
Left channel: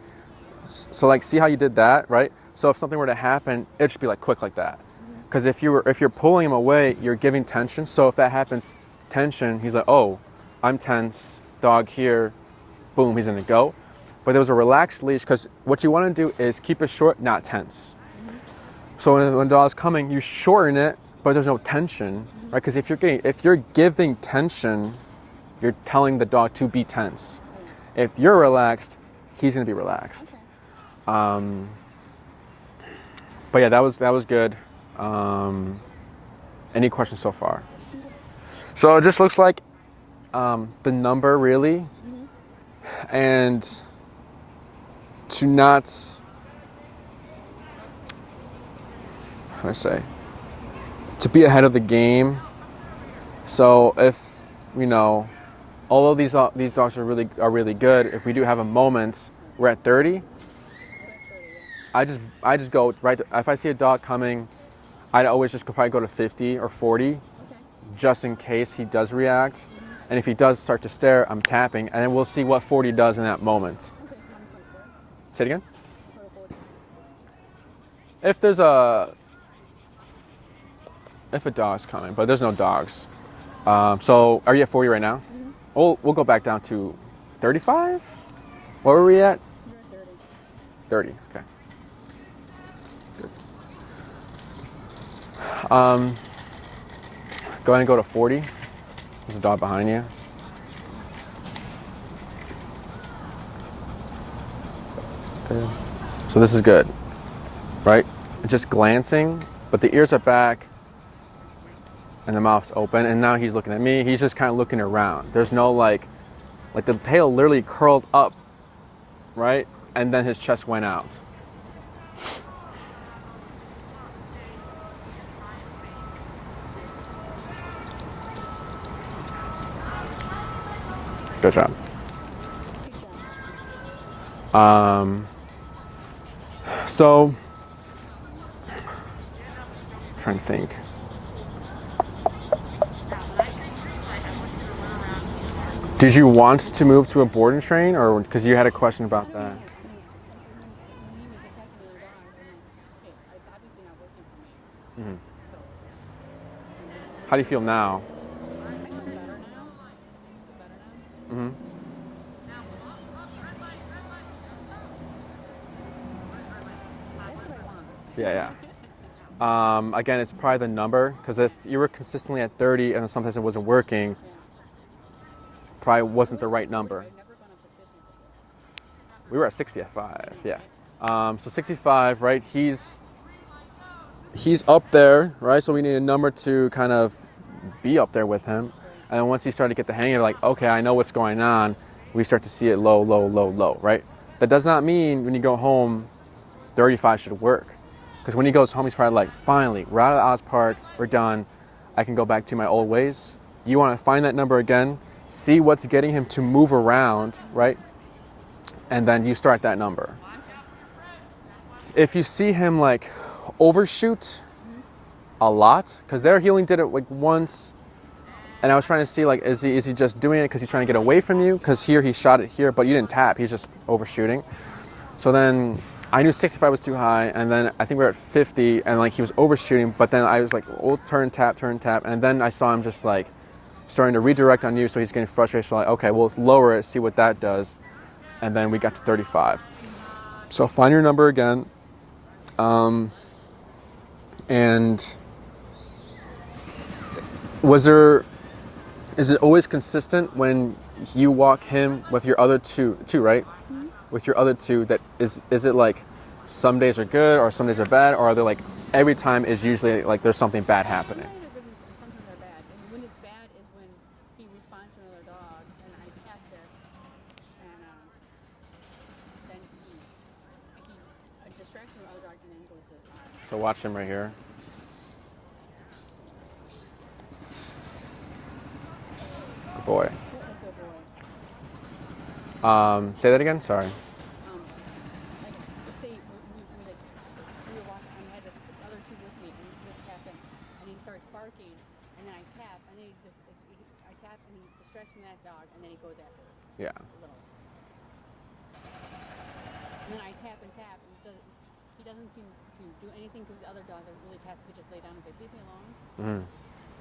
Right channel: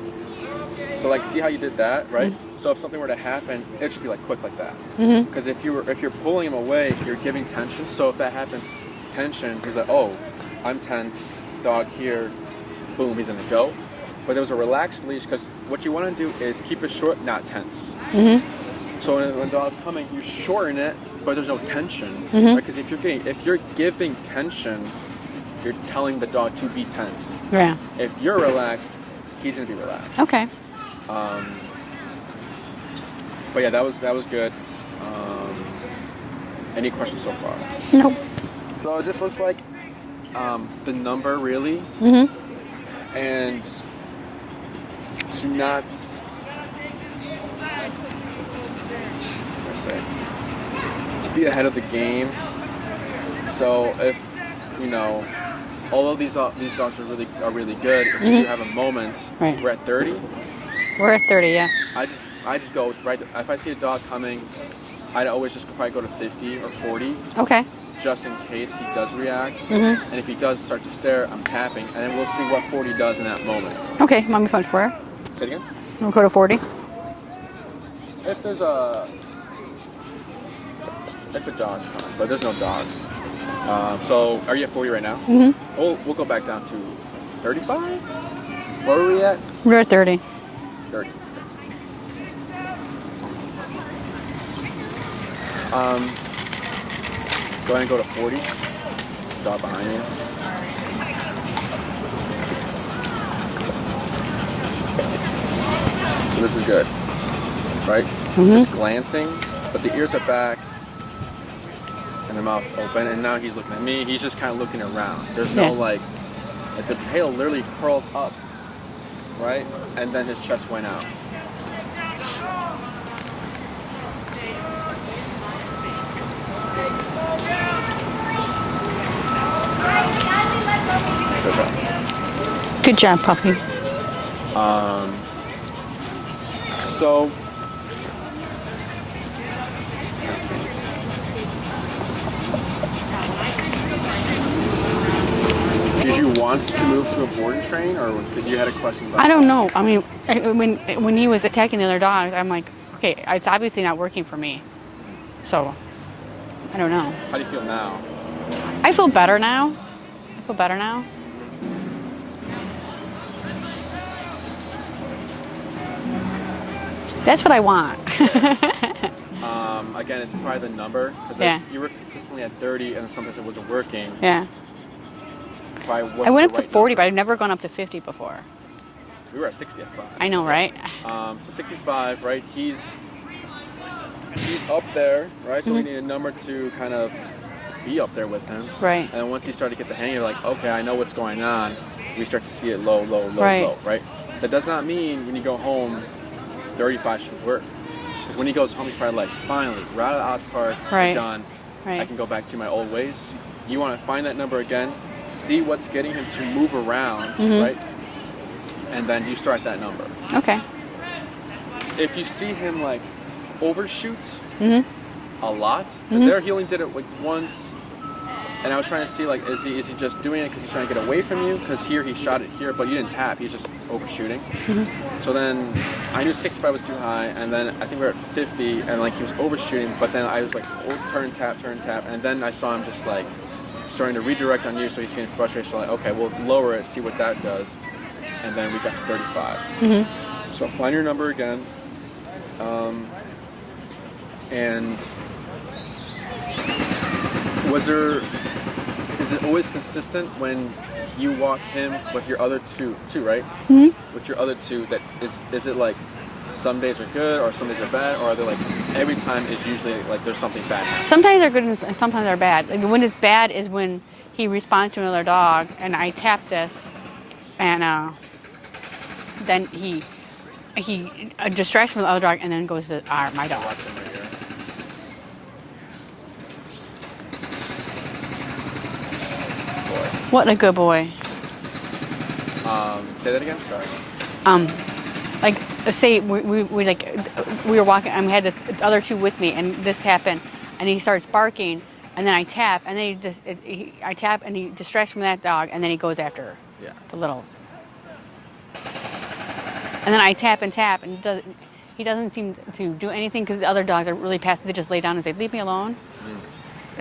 So like, see how you did that, right? So if something were to happen, it should be like quick like that. Because if you're pulling him away, you're giving tension. So if that happens, tension, he's like, oh, I'm tense, dog here, boom, he's gonna go. But there was a relaxed leash because what you want to do is keep it short, not tense. So when the dog's coming, you shorten it, but there's no tension, right? Because if you're giving tension, you're telling the dog to be tense. Yeah. If you're relaxed, he's gonna be relaxed. Okay. But yeah, that was good. Any questions so far? Nope. So it just looks like the number really, and to not can I say? To be ahead of the game. So if, you know, although these dogs are really good, if we do have a moment, Right. we're at 30. We're at 30, yeah. I just go right. If I see a dog coming, I'd always just probably go to 50 or 40. Okay. Just in case he does react. And if he does start to stare, I'm tapping, and then we'll see what 40 does in that moment. Okay, mommy punch for her. Say it again. We'll go to 40. If a dog's coming, but there's no dogs. So are you at 40 right now? We'll go back down to 35. Where were we at? We're at 30. 30. Okay. Go ahead and go to 40. There's a dog behind you. So this is good, right? Just glancing, but the ears are back and the mouth's open, and now he's looking at me. He's just kind of looking around. There's no like the tail literally curled up, right? And then his chest went out. Good job. Good job, Puffy. So, I'm trying to think. Did you want to move to a board and train, or because you had a question about? I don't know. I mean, when he was attacking the other dogs, I'm like, okay, it's obviously not working for me. So, I don't know. How do you feel now? I feel better now. That's what I want. Again, it's probably the number, because if you were consistently at 30 and sometimes it wasn't working, probably wasn't I went the up right to 40, number. but I've never gone up to 50 before. We were at 60 at 5. I know, right? So 65, right? He's up there, right? So we need a number to kind of be up there with him. Right. And once he started to get the hang of it, like, okay, I know what's going on, we start to see it low, low, low, low, right? That does not mean when you go home, 35 should work. Because when he goes home, he's probably like, finally, we're out of Oz Park, we're done. I can go back to my old ways. You want to find that number again, see what's getting him to move around, right? And then you start that number. Okay. If you see him like overshoot a lot, because there he only did it like once, and I was trying to see like, is he just doing it because he's trying to get away from you? Because here he shot it here, but you didn't tap, he's just overshooting. So then I knew 65 was too high, and then I think we were at 50, and like he was overshooting, but then I was like, oh, turn, tap, and then I saw him just like starting to redirect on you, so he's getting frustrated. So like, okay, we'll lower it, see what that does, and then we got to 35. So find your number again, and is it always consistent when you walk him with your other two, right? With your other two, that is it like some days are good or some days are bad, or are they like every time is usually like there's something bad happening? Sometimes they're good and sometimes they're bad. Like, when it's bad is when he responds to another dog and I tap this, and then he distracts from the other dog and then goes to my dog. So watch him right here. Boy. What a good boy. Say that again. Sorry. Like, say we were walking and we had the other two with me, and this happened, and he starts barking, and then I tap, and then I tap, and he distracts from that dog, and then he goes after the little. And then I tap, and he doesn't seem to do anything because the other dogs are really passive. They just lay down and say, "Leave me alone."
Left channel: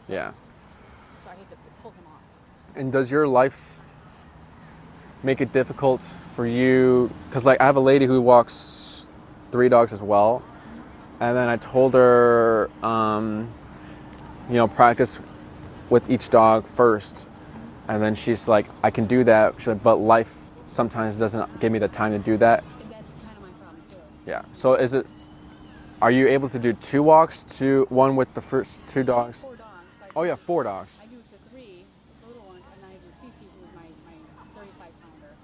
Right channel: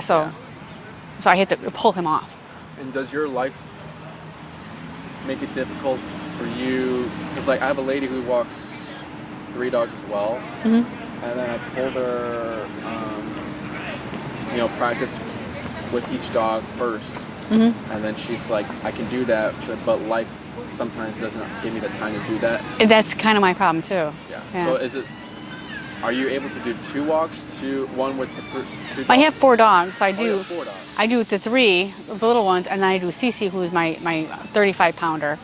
So I had to pull him off. And does your life make it difficult for you? Because like I have a lady who walks 3 dogs as well, and then I told her, practice with each dog first, and then she's like, I can do that, but life sometimes doesn't give me the time to do that. That's kind of my problem too. Yeah. So are you able to do 2 walks, one with the first 2 dogs? I have 4 dogs. So I do. You have 4 dogs. I do the 3, the little ones, and then I do Cece, who's my 35-pounder,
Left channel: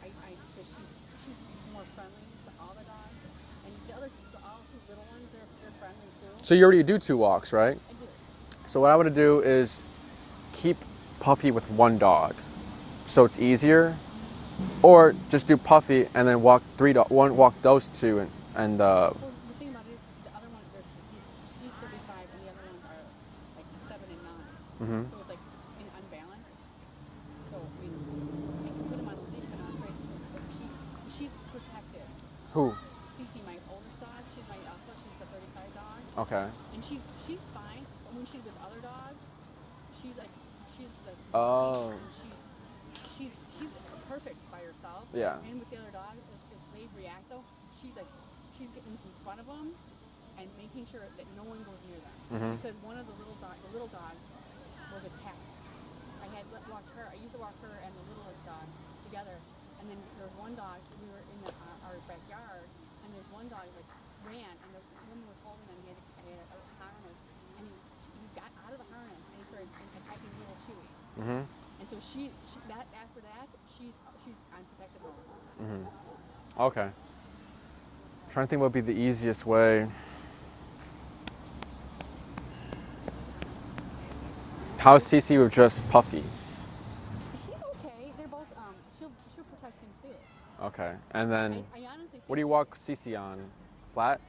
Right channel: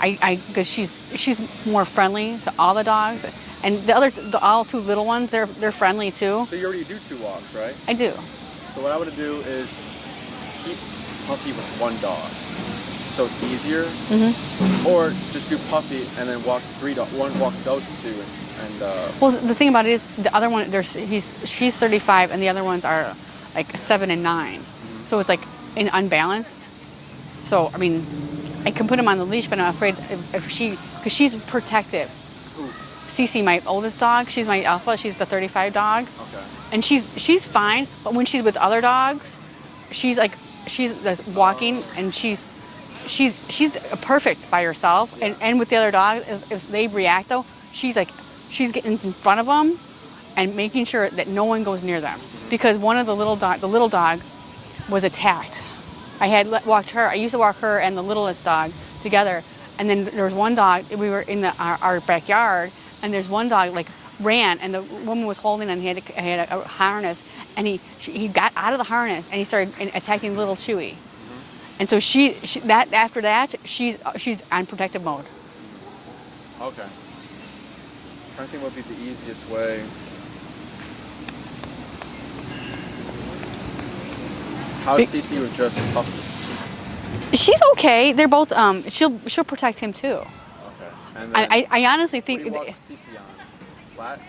because she's more friendly to all the dogs, and all two little ones, they're friendly too. So you already do 2 walks, right? I do. So what I would do is keep Puffy with 1 dog, so it's easier. Or just do Puffy and then walk walk those 2, and Well, the thing about it is the other one, she's 35, and the other ones are like 7 and 9. So it's like unbalanced. So I mean, I can put him on the leash, but I'm afraid because she's protective. Who? Cece, my oldest dog, she's my alpha. She's the 35 dog. Okay. And she's fine, but when she's with other dogs, she's just walking, and she's perfect by herself. Yeah. And with the other dog, if they react though, she's getting in front of them and making sure that no one goes near them. Because one of the little dog was attacked. I used to walk her and the littlest dog together, and then there was one dog, we were in our backyard, and there's one dog like ran, and the woman was holding him, and he had a harness, and he got out of the harness, and he started attacking little Chewy. And so after that she's on protective mode. Okay. I'm trying to think what would be the easiest way. How is Cece with just Puffy? She's okay. They're both. She'll protect him too. Okay. And then I honestly think. What do you walk Cece on? Flat?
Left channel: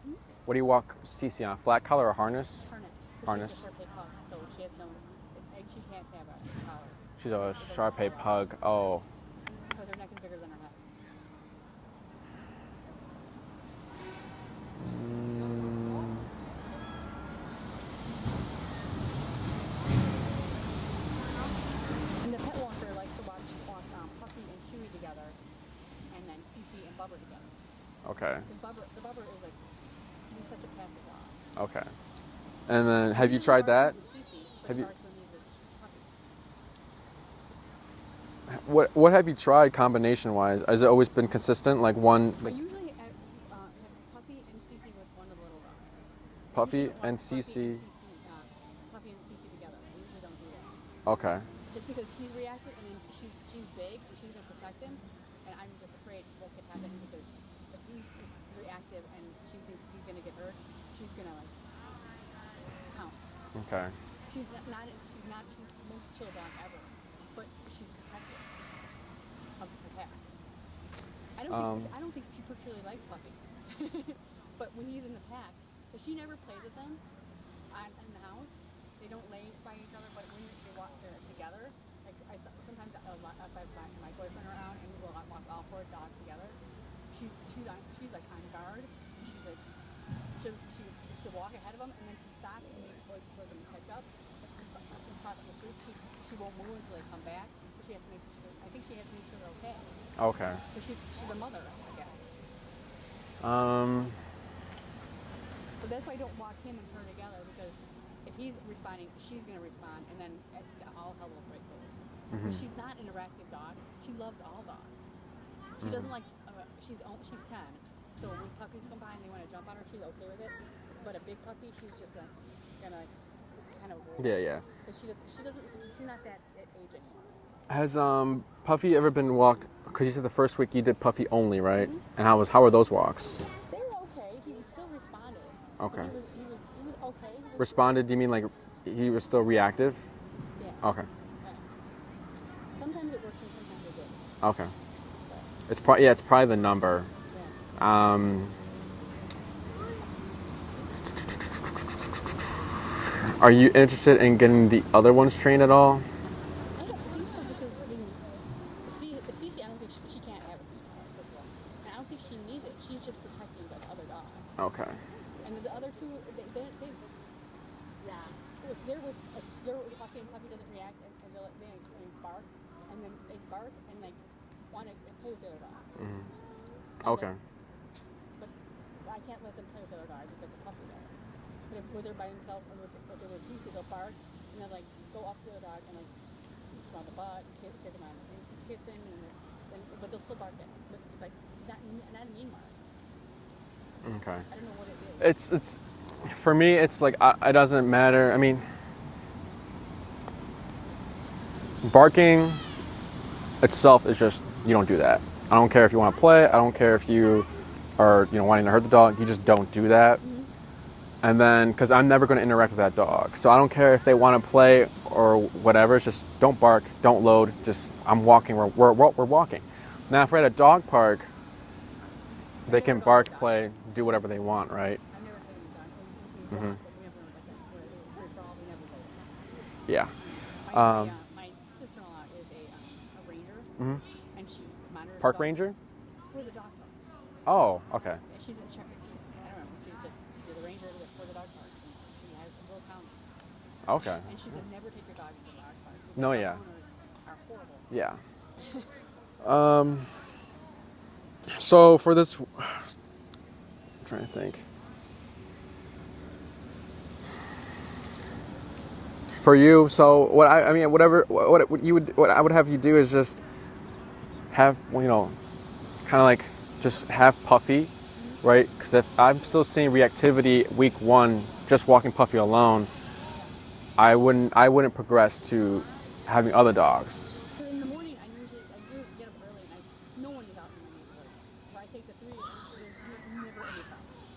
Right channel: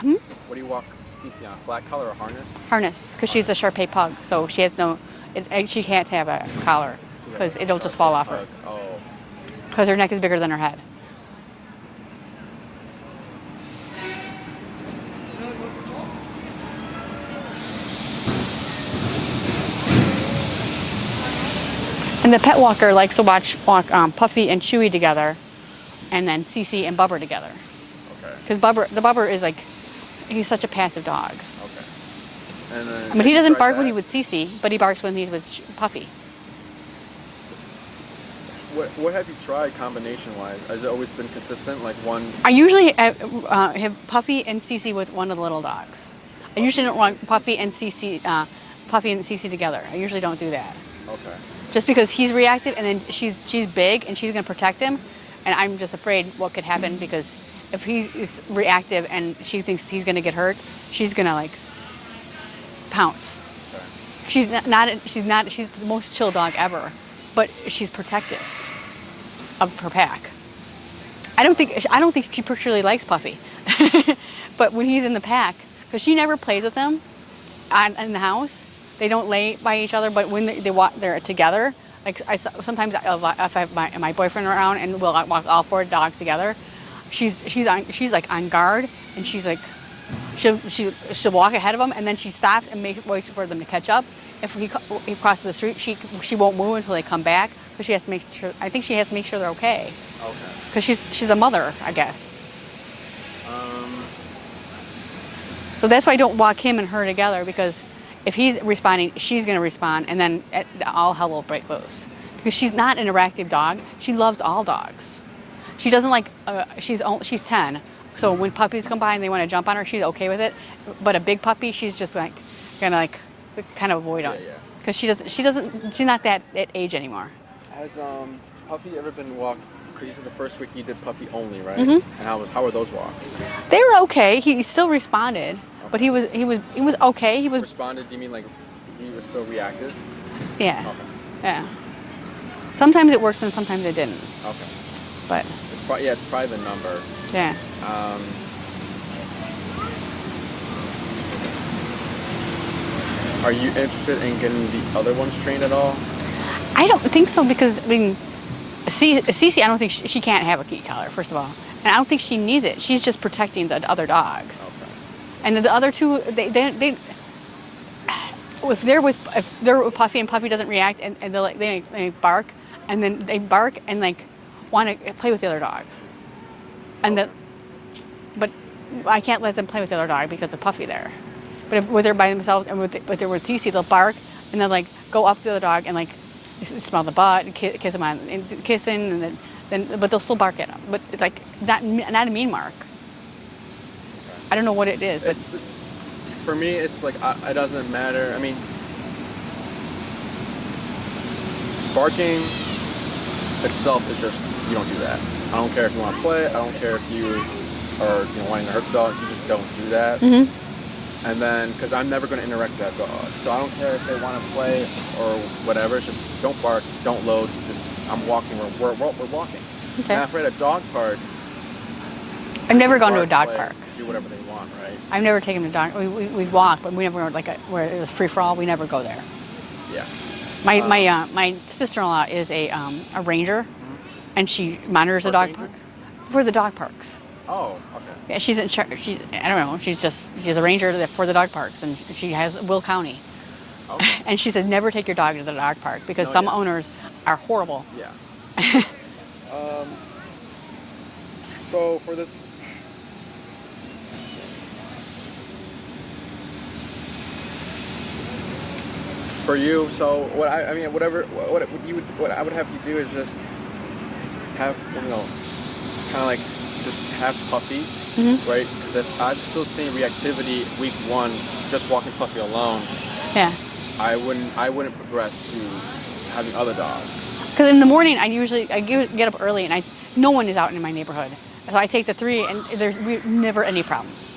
What do you walk Cece on? Flat collar or harness? Harness, because she's a Shar-Pei pug, so she has no. She can't have a collar because it'll just fall off her. Oh. Because her neck is bigger than her head. And the pet walker likes to walk Puffy and Chewy together, and then Cece and Bubber together. Okay. Because the Bubber is he's such a passive dog. Okay. And then. I mean, he doesn't bark when he's with Cece, but he barks when he's with Puffy. What have you tried combination-wise? Has it always been consistent, like one? I usually have Puffy and Cece with one of the little dogs. I usually don't want Puffy and Cece together. I usually don't do that. Okay. Just because he's reactive, and then she's big and she's going to protect him, and I'm just afraid what could happen, because if he is reactive and she thinks he's going to get hurt, she's going to pounce. Okay. She's the most chill dog ever, but she's protective of her pack. I don't think she particularly likes Puffy, but when he's in the pack, because she never plays with him in the house. They don't lay by each other, but when they're together, sometimes if I have my boyfriend around and we'll walk all 4 dogs together, she's on guard, and she'll walk ahead of them, and then she stops and waits for them to catch up. If he crosses the street, she won't move until they come back, because she has to make sure. I think she has to make sure they're okay. Okay. Because she's a mother, I guess. So that's why I don't walk him and her together, because if he's responding, she's going to respond, and then all hell will break loose. Because she's not an interactive dog. She loves all dogs. She doesn't like. She's 10, so when puppies come by and they want to jump on her, she's okay with it. But a big puppy, she's just gonna kind of avoid them. Yeah. Because she's not that at age anymore. Has Puffy ever been walked? Because you said the first week you did Puffy only, right? And how were those walks? They were okay. He still responded, but he was okay. He was responded. Do you mean like he was still reactive? Yeah. Okay. Yeah. Sometimes it worked and sometimes it didn't. Okay. But it's probably the number. Yeah. Are you interested in getting the other ones trained at all? I don't think so, because Cece, I don't think she can't have a key collar, first of all, and I don't think she needs it. She's just protecting the other dogs. Okay. And the other two, they if they're with Puffy and Puffy doesn't react, and they bark, and then they bark and want to play with the other dog, and okay. But I can't let them play with the other dog because of Puffy there. But if they're by themselves and if they're with Cece, they'll bark and they'll go up to the other dog and smell the butt and kiss him and kissing, and then but they'll still bark at him. But it's not a mean mark. Okay. I don't know what it is. It's for me. It's it doesn't matter. I mean, barking itself is just you don't do that. I don't care if you want to play. I don't care if you are, wanting to hurt the dog. You just don't do that. Mm-hmm. And then, because I'm never going to interact with that dog. So I don't care if they want to play or whatever. It's just don't bark, don't load. Just, I'm walking. We're walking. Okay. Now, if we're at a dog park, I've never can gone to a bark, dog play, park. do whatever they want, right? I've never taken a dog. We'd walk, but we never were where it was free for all. We never go there. Yeah. My sister-in-law is a ranger, and she monitors the dog ranger? for the dog parks. Oh, okay. Yeah, she's in charge. I don't know. She's a ranger for the dog parks, and she has Will County. Okay. And she said never take your dog to the dog park because some owners are horrible. Yeah. So for this, I'm trying to think. For you, so what I would have you do is just have, kind of like just have Puffy, right? Because if I'm still seeing reactivity week 1, just walking Puffy alone, Yeah. I wouldn't progress to having other dogs. Because in the morning, I get up early, and no one is out in my neighborhood. So I take the 3, and there's never any problems.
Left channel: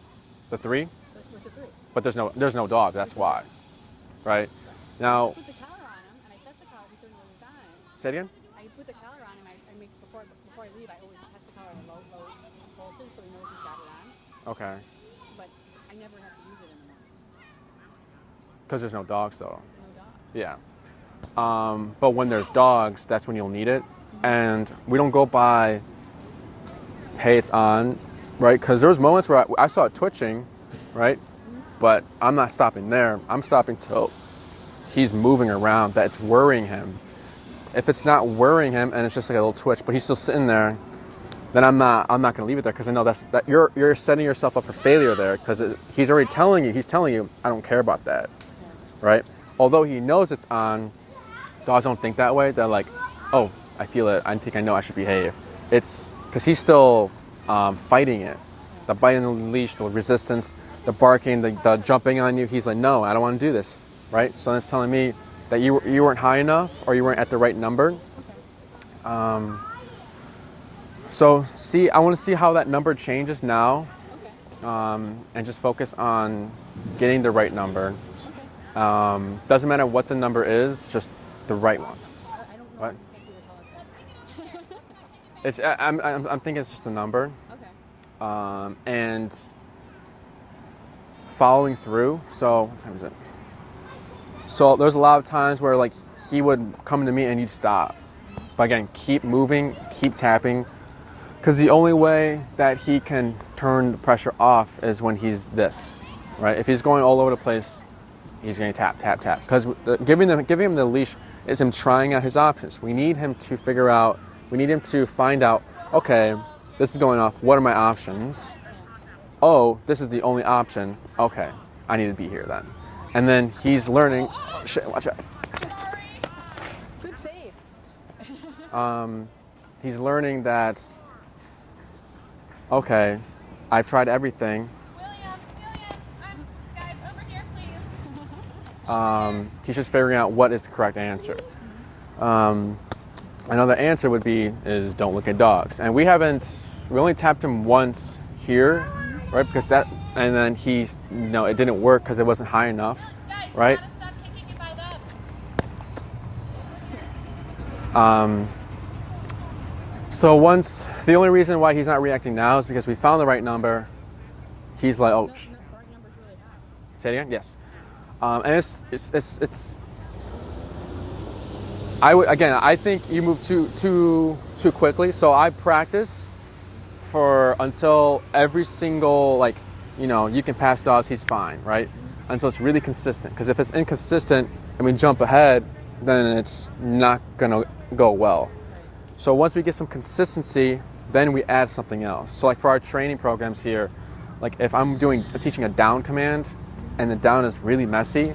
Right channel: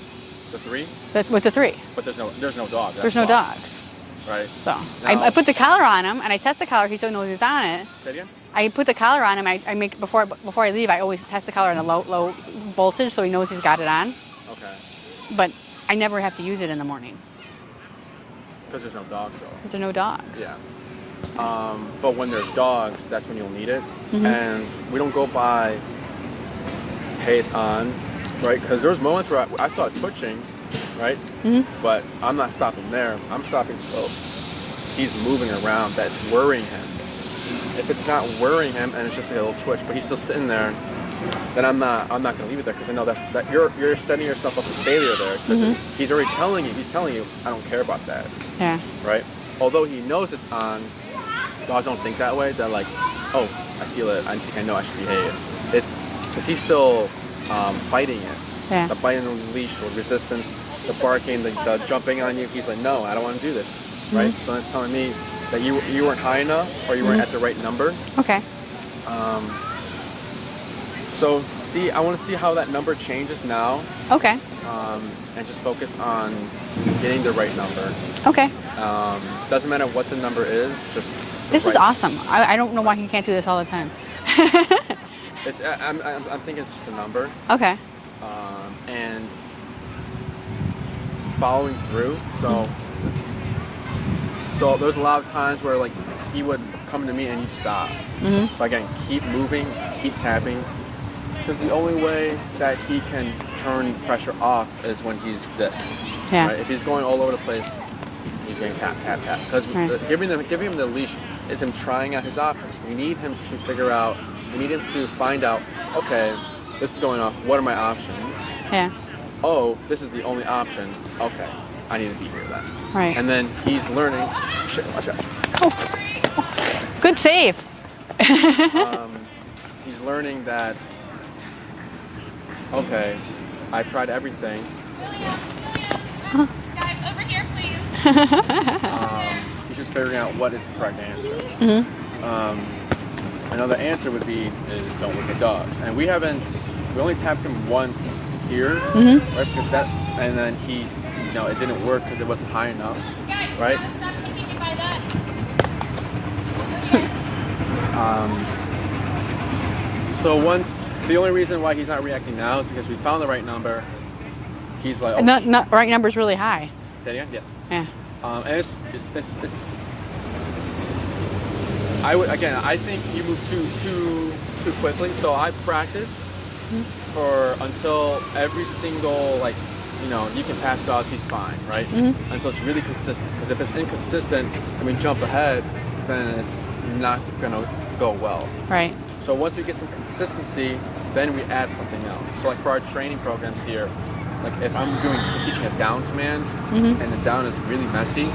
The 3? With the 3. But there's no dog. There's no dogs. Right. So Now, I put the collar on him, and I test the collar. He still knows he's on it. Say it again? I put the collar on him. I make before I leave. I always test the collar on a low voltage, so he knows he's got it on. Okay. But I never have to use it in the morning Because there's no dogs, though. because there are no dogs. Yeah. But when there's dogs, that's when you'll need it. And we don't go by, hey, it's on, right? Because there was moments where I saw it twitching, right? But I'm not stopping there. I'm stopping till he's moving around. That's worrying him. If it's not worrying him and it's just like a little twitch, but he's still sitting there, then I'm not going to leave it there because I know that you're setting yourself up for failure there because he's already telling you, I don't care about that. Yeah. Right? Although he knows it's on, dogs don't think that way. They're like, oh, I feel it. I think I know I should behave. It's because he's still fighting it. Yeah. The biting on the leash, the resistance, the barking, the jumping on you. He's like, no, I don't want to do this. Right? So that's telling me that you weren't high enough or you weren't at the right number. Okay. So I want to see how that number changes now. Okay. And just focus on getting the right number. Okay. Doesn't matter what the number is, just the This right. is awesome. I don't know why he can't do this all the time. I'm thinking it's just the number. Okay. And following through. So there's a lot of times where like he would come to me and you'd stop. But again, keep moving, keep tapping. Because the only way that he can turn the pressure off is when he's this. Yeah. Right? If he's going all over the place, he's going to tap, tap, tap. Because giving him the leash is him trying out his options. We need him to find out, okay, this is going on. What are my options? Yeah. Oh, this is the only option. Okay, I need to be here then. Right. And then he's learning. Shit, watch out. Good save. He's learning that, okay, I've tried everything. Guys, over here, please. He's just figuring out what is the correct answer. I know the answer would be is don't look at dogs. And we only tapped him once here, right? Because and then it didn't work because it wasn't high enough, right? Stop thinking by that. So the only reason why he's not reacting now is because we found the right number. He's like, oh, And the right number is really high. say it again? Yes. Yeah. And it's. I think you move too quickly. So I practice until every single you can pass dogs, he's fine, right? Until it's really consistent. Because if it's inconsistent and we jump ahead, then it's not gonna go well. Right. So once we get some consistency, then we add something else. So like for our training programs here, like if I'm teaching a down command and the down is really messy,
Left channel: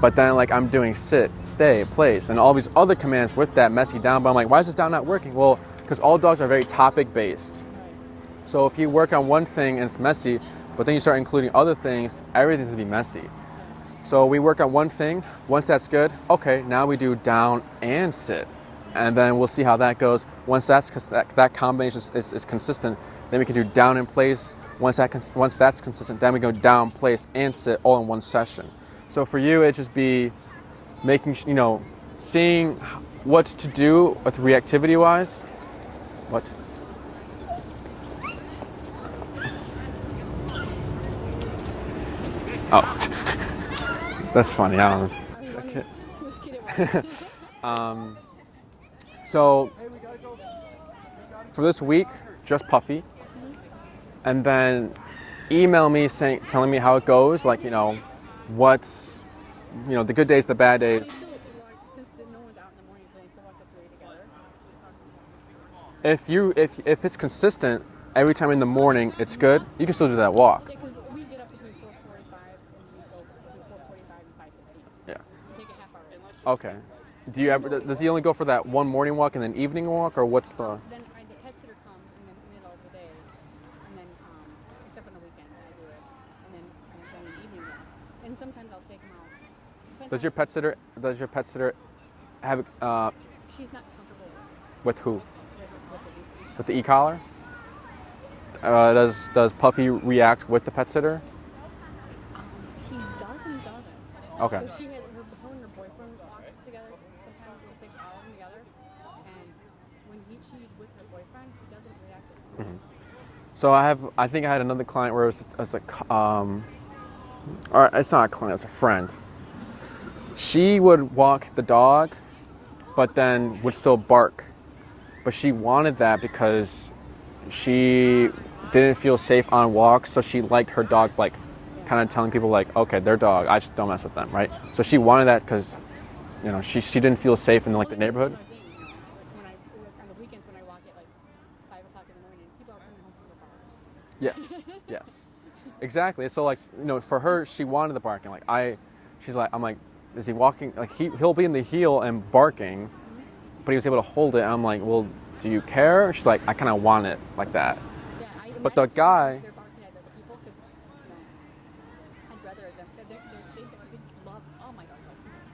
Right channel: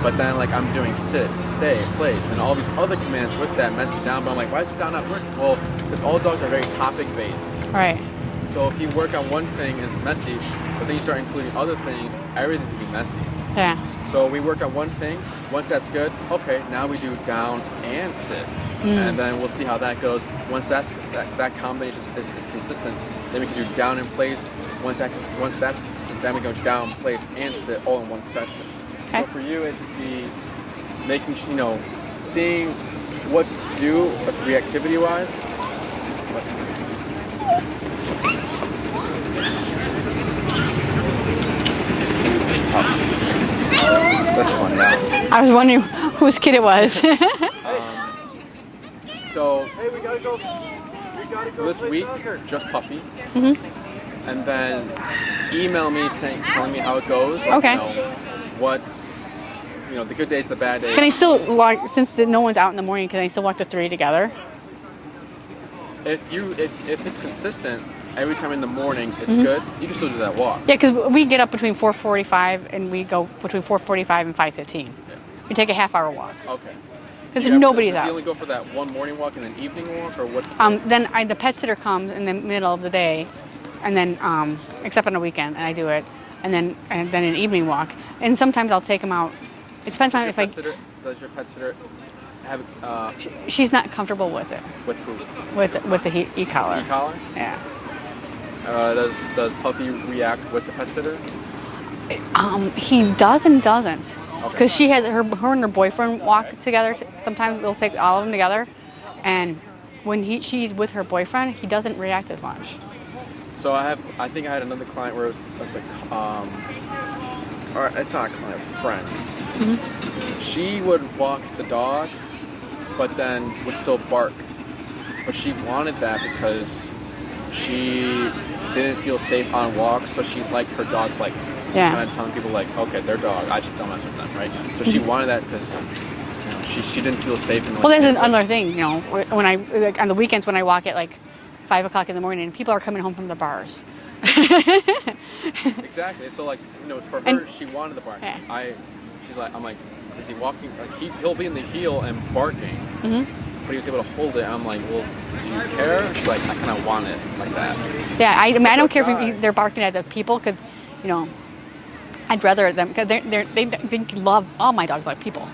but then like I'm doing sit, stay, place, and all these other commands with that messy down, but I'm like, why is this down not working? Well, because all dogs are very topic based. Right. So if you work on one thing and it's messy, but then you start including other things, everything's gonna be messy. Yeah. So we work on one thing, once that's good, okay, now we do down and sit. and then we'll see how that goes. Once that combination is consistent, then we can do down in place. Once that's consistent, then we go down, place, and sit all in one session. Okay. So for you, it just be making, seeing what to do with reactivity-wise. What? Oh, that's funny. I was wondering whose kid it was. So for this week, just Puffy, and then email me telling me how it goes. Like, Okay. what's the good days, the bad days. Can I still walk, since no one's out in the morning, can I still walk the 3 together? If it's consistent every time in the morning, it's good. You can still do that walk. Yeah, because we get up between 4:45 and we go between 4:45 and 5:15. Yeah. We take a half-hour walk. Okay. Because nobody's Does out. he only go for that one morning walk and then evening walk, or what's? The... Then the pet sitter comes in the middle of the day, and then except on the weekend, and I do it, and then an evening walk. And sometimes I'll take him out. It depends on if Does your pet sitter have? She's not comfortable with it. With who? With the e-collar. The e-collar? Yeah. Does Puffy react with the pet sitter? He does and doesn't. Okay. Because she has her and her boyfriend walk together. Sometimes we'll take all of them together, and when she's with her boyfriend, he doesn't react as much. So I think I had another client where it was like, or it's not a client, it's a friend. She would walk the dog, but then would still bark. But she wanted that because she didn't feel safe on walks, so she liked her dog, like, kind of telling people, like, okay, their dog, I just don't mess with them, right? So she wanted that because, she didn't feel safe in the. Well, that's another thing, when I on the weekends when I walk at like 5 o'clock in the morning, and people are coming home from the bars. Exactly. So like, for her, she wanted the barking. Yeah. I'm like, is he walking? Like he'll be in the heel and barking, but he was able to hold it. I'm like, well, do you care? She's like, I kind of want it like that. Yeah, I don't care if they're barking at the people, because, I'd rather them, because they love, all my dogs like people.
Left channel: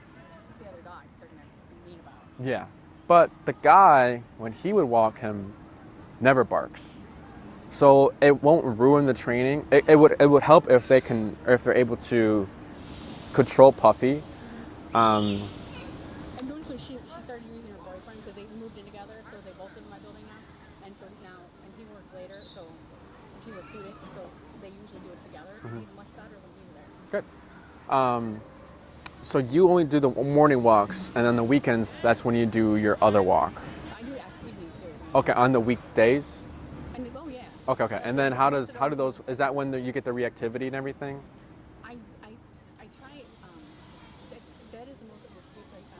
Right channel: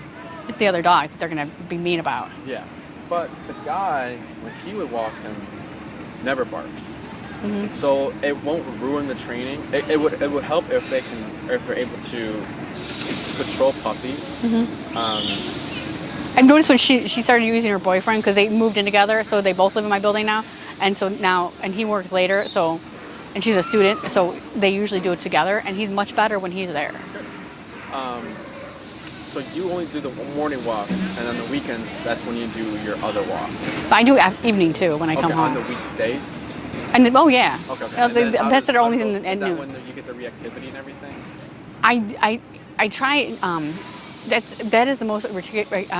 It's the other dogs that they're going to be mean about. Yeah, but the guy, when he would walk him, never barks. So it won't ruin the training. It would help if they're able to control Puffy. I've noticed when she started using her boyfriend, because they moved in together, so they both live in my building now, and so now, and he works later, so, and she's a student, so they usually do it together, and he's much better when he's there. So you only do the morning walks, and then the weekends, that's when you do your other walk. I do evening too when I come home. On the weekdays? And oh yeah. Okay. That's only in the Is that when you get the reactivity and everything? I try. That is the most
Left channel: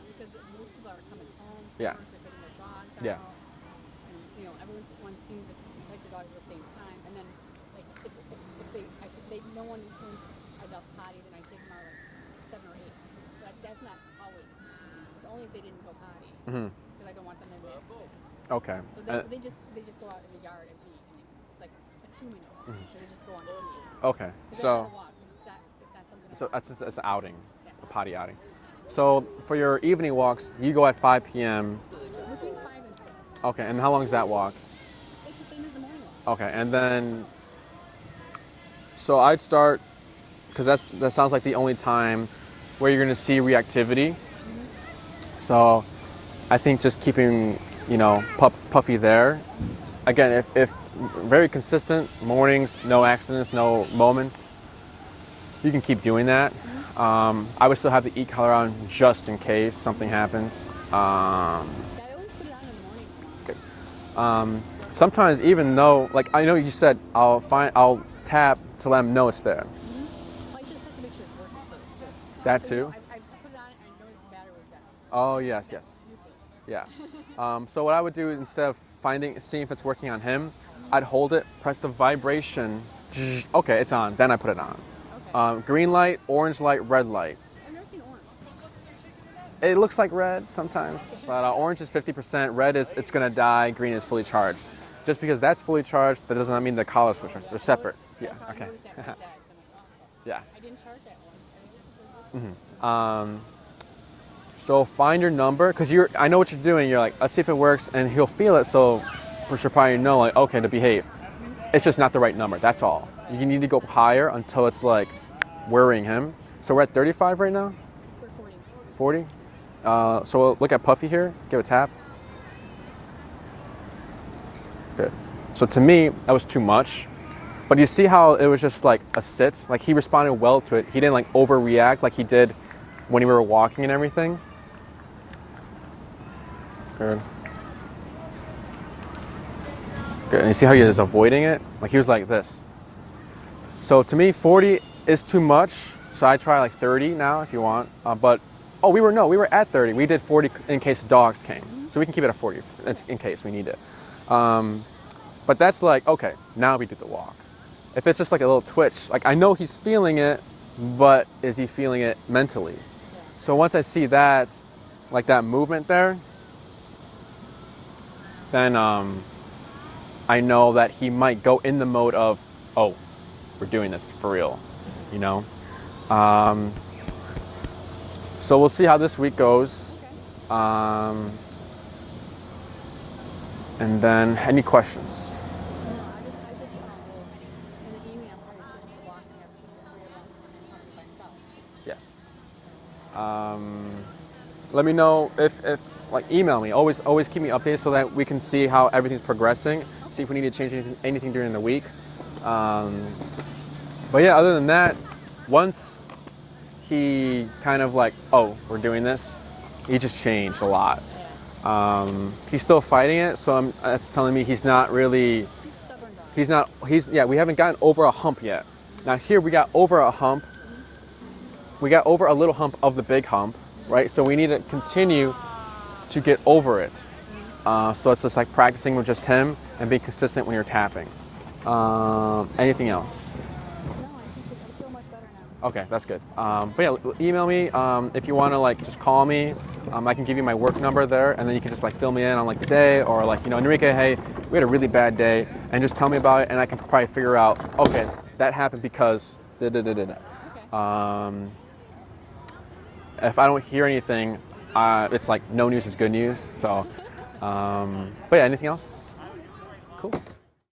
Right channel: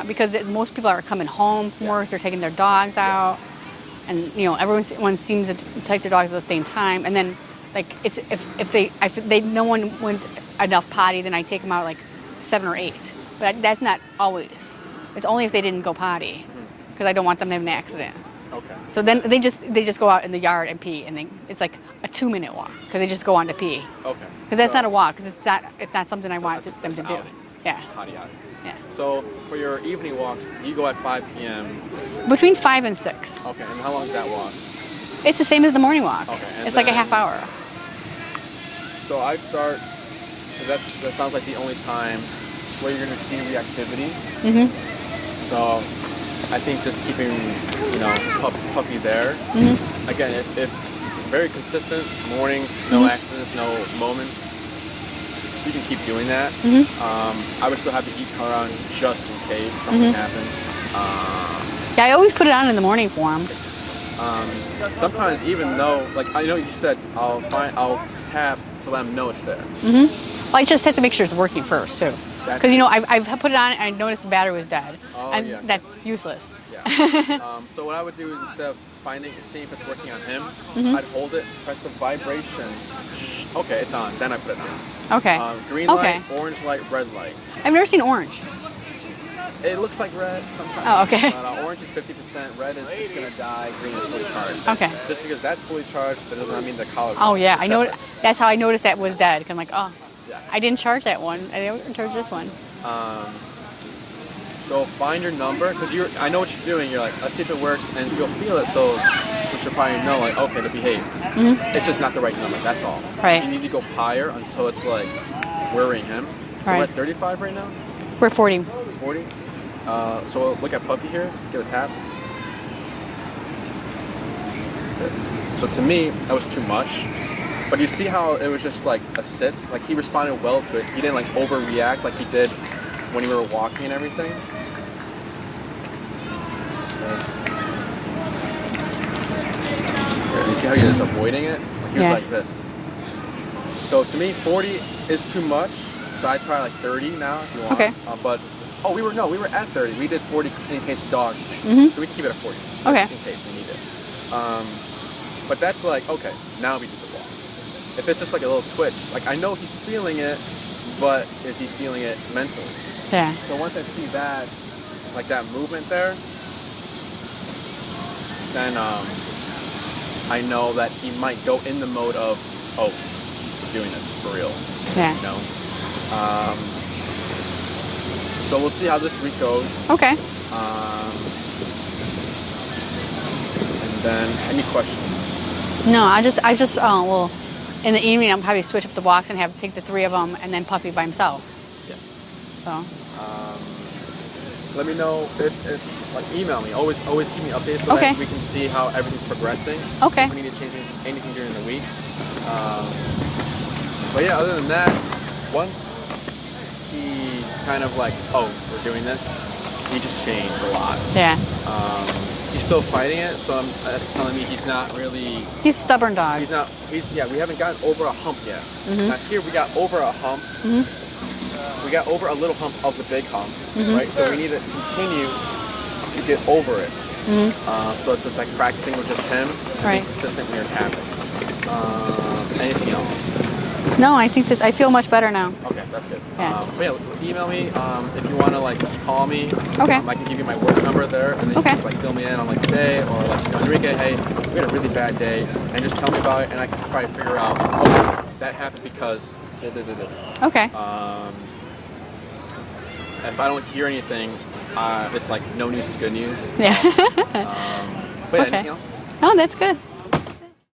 because most people are coming home from work. They're taking their dogs out, and everyone seems to take their dogs at the same time. And then, like, it's if they no one went enough potty, then I take them out like 7 or 8. But that's not always. It's only if they didn't go potty, because I don't want them to have an accident. Okay. So then they just go out in the yard and pee, and it's like a 2-minute walk, because they just go on to pee. Okay. Because that's not a walk, because it's not something I want them to do. Outing. Yeah. Potty outing. Yeah. So for your evening walks, you go at 5 p.m. Between 5 and 6. Okay. And how long is that walk? It's the same as the morning walk. Okay. And it's like a half hour. So I'd start, because that sounds like the only time where you're going to see reactivity. So I think just keeping, Puffy there. Again, if very consistent mornings, no accidents, no moments, you can keep doing that. I would still have the e-collar on just in case something happens. Yeah, I always put it on in the morning for him. Sometimes, even though, like I know you said, I'll tap to let him know it's there. Well, I just have to make sure it's working first too. Because That's I've put it on and I noticed the battery was dead. Oh, and yes, that's useless. Yeah. So what I would do, instead of seeing if it's working on him, I'd hold it, press the vibration. Okay, it's on. Then I put it on. Okay. Green light, orange light, red light. I've never seen orange. It looks like red sometimes. Oh, okay. But, orange is 50%, red is it's gonna die, green is fully charged. Okay. Just because that's fully charged, that doesn't mean the collar's Oh yeah, I know. separate. That's how I noticed that was dead. 'Cause I'm like, oh, Yeah. I didn't charge that one. I didn't charge this one. So find your number, because I know what you're doing. You're like, let's see if it works, and he'll feel it. So we should probably know, like, okay, to behave. It's just not the right number. That's all. Right. So you need to go higher until it's like worrying him. So we're Right. at 35 right now. We're 40. 40. So we'll look at Puffy here. Give a tap. Good. So to me, that was too much. But you see how it was just like a sit? Like he responded well to it. He didn't like overreact like he did when we were walking and everything. Good. Good. And you see how he was avoiding it? Like he was Yeah. like this. So to me, 40 is too much. So I try like 30 now if you want. Okay. But we were at 30. We did 40 in case dogs came. So we can keep it at 40 Okay. in case we need it. But that's like, okay, now we do the walk. If it's just like a little twitch, like I know he's feeling it, but is he feeling it mentally? Yeah. So once I see that, like that movement there, then I know that he might go in the mode of, oh, we're doing this for real, Yeah. you know? So we'll see how this week goes. Okay. And then, any questions? No, I just well, in the evening I'll probably switch up the walks and take the 3 of them and then Puffy by himself. Yes. So. Let me know if like email me. Always keep me updated so Okay. that we can see how everything's progressing. Okay. See if we need to change anything during the week. But yeah, other than that, once he kind of like, oh, we're doing this, he just changed a lot. Yeah. He's still fighting it, so that's telling me he's not really. He's a stubborn dog. We haven't gotten over a hump yet. Now here we got over a hump. We got over a little hump of the big hump, right? So we need to continue to get over it. So it's just like practicing with just him and being Right. consistent when you're tapping. Anything else? No, I feel much better now. Okay, that's good. Yeah. But yeah, email me if you want to like just call me. Okay. I can give you my work number there, and then you Okay. can just like fill me in on like the day or like Enrique, hey, we had a really bad day, and just tell me about it, and I can probably figure out. Okay, that happened because. Okay. If I don't hear anything, it's like no news is good news. So, Yeah. but yeah, Okay. anything else? Oh, that's good.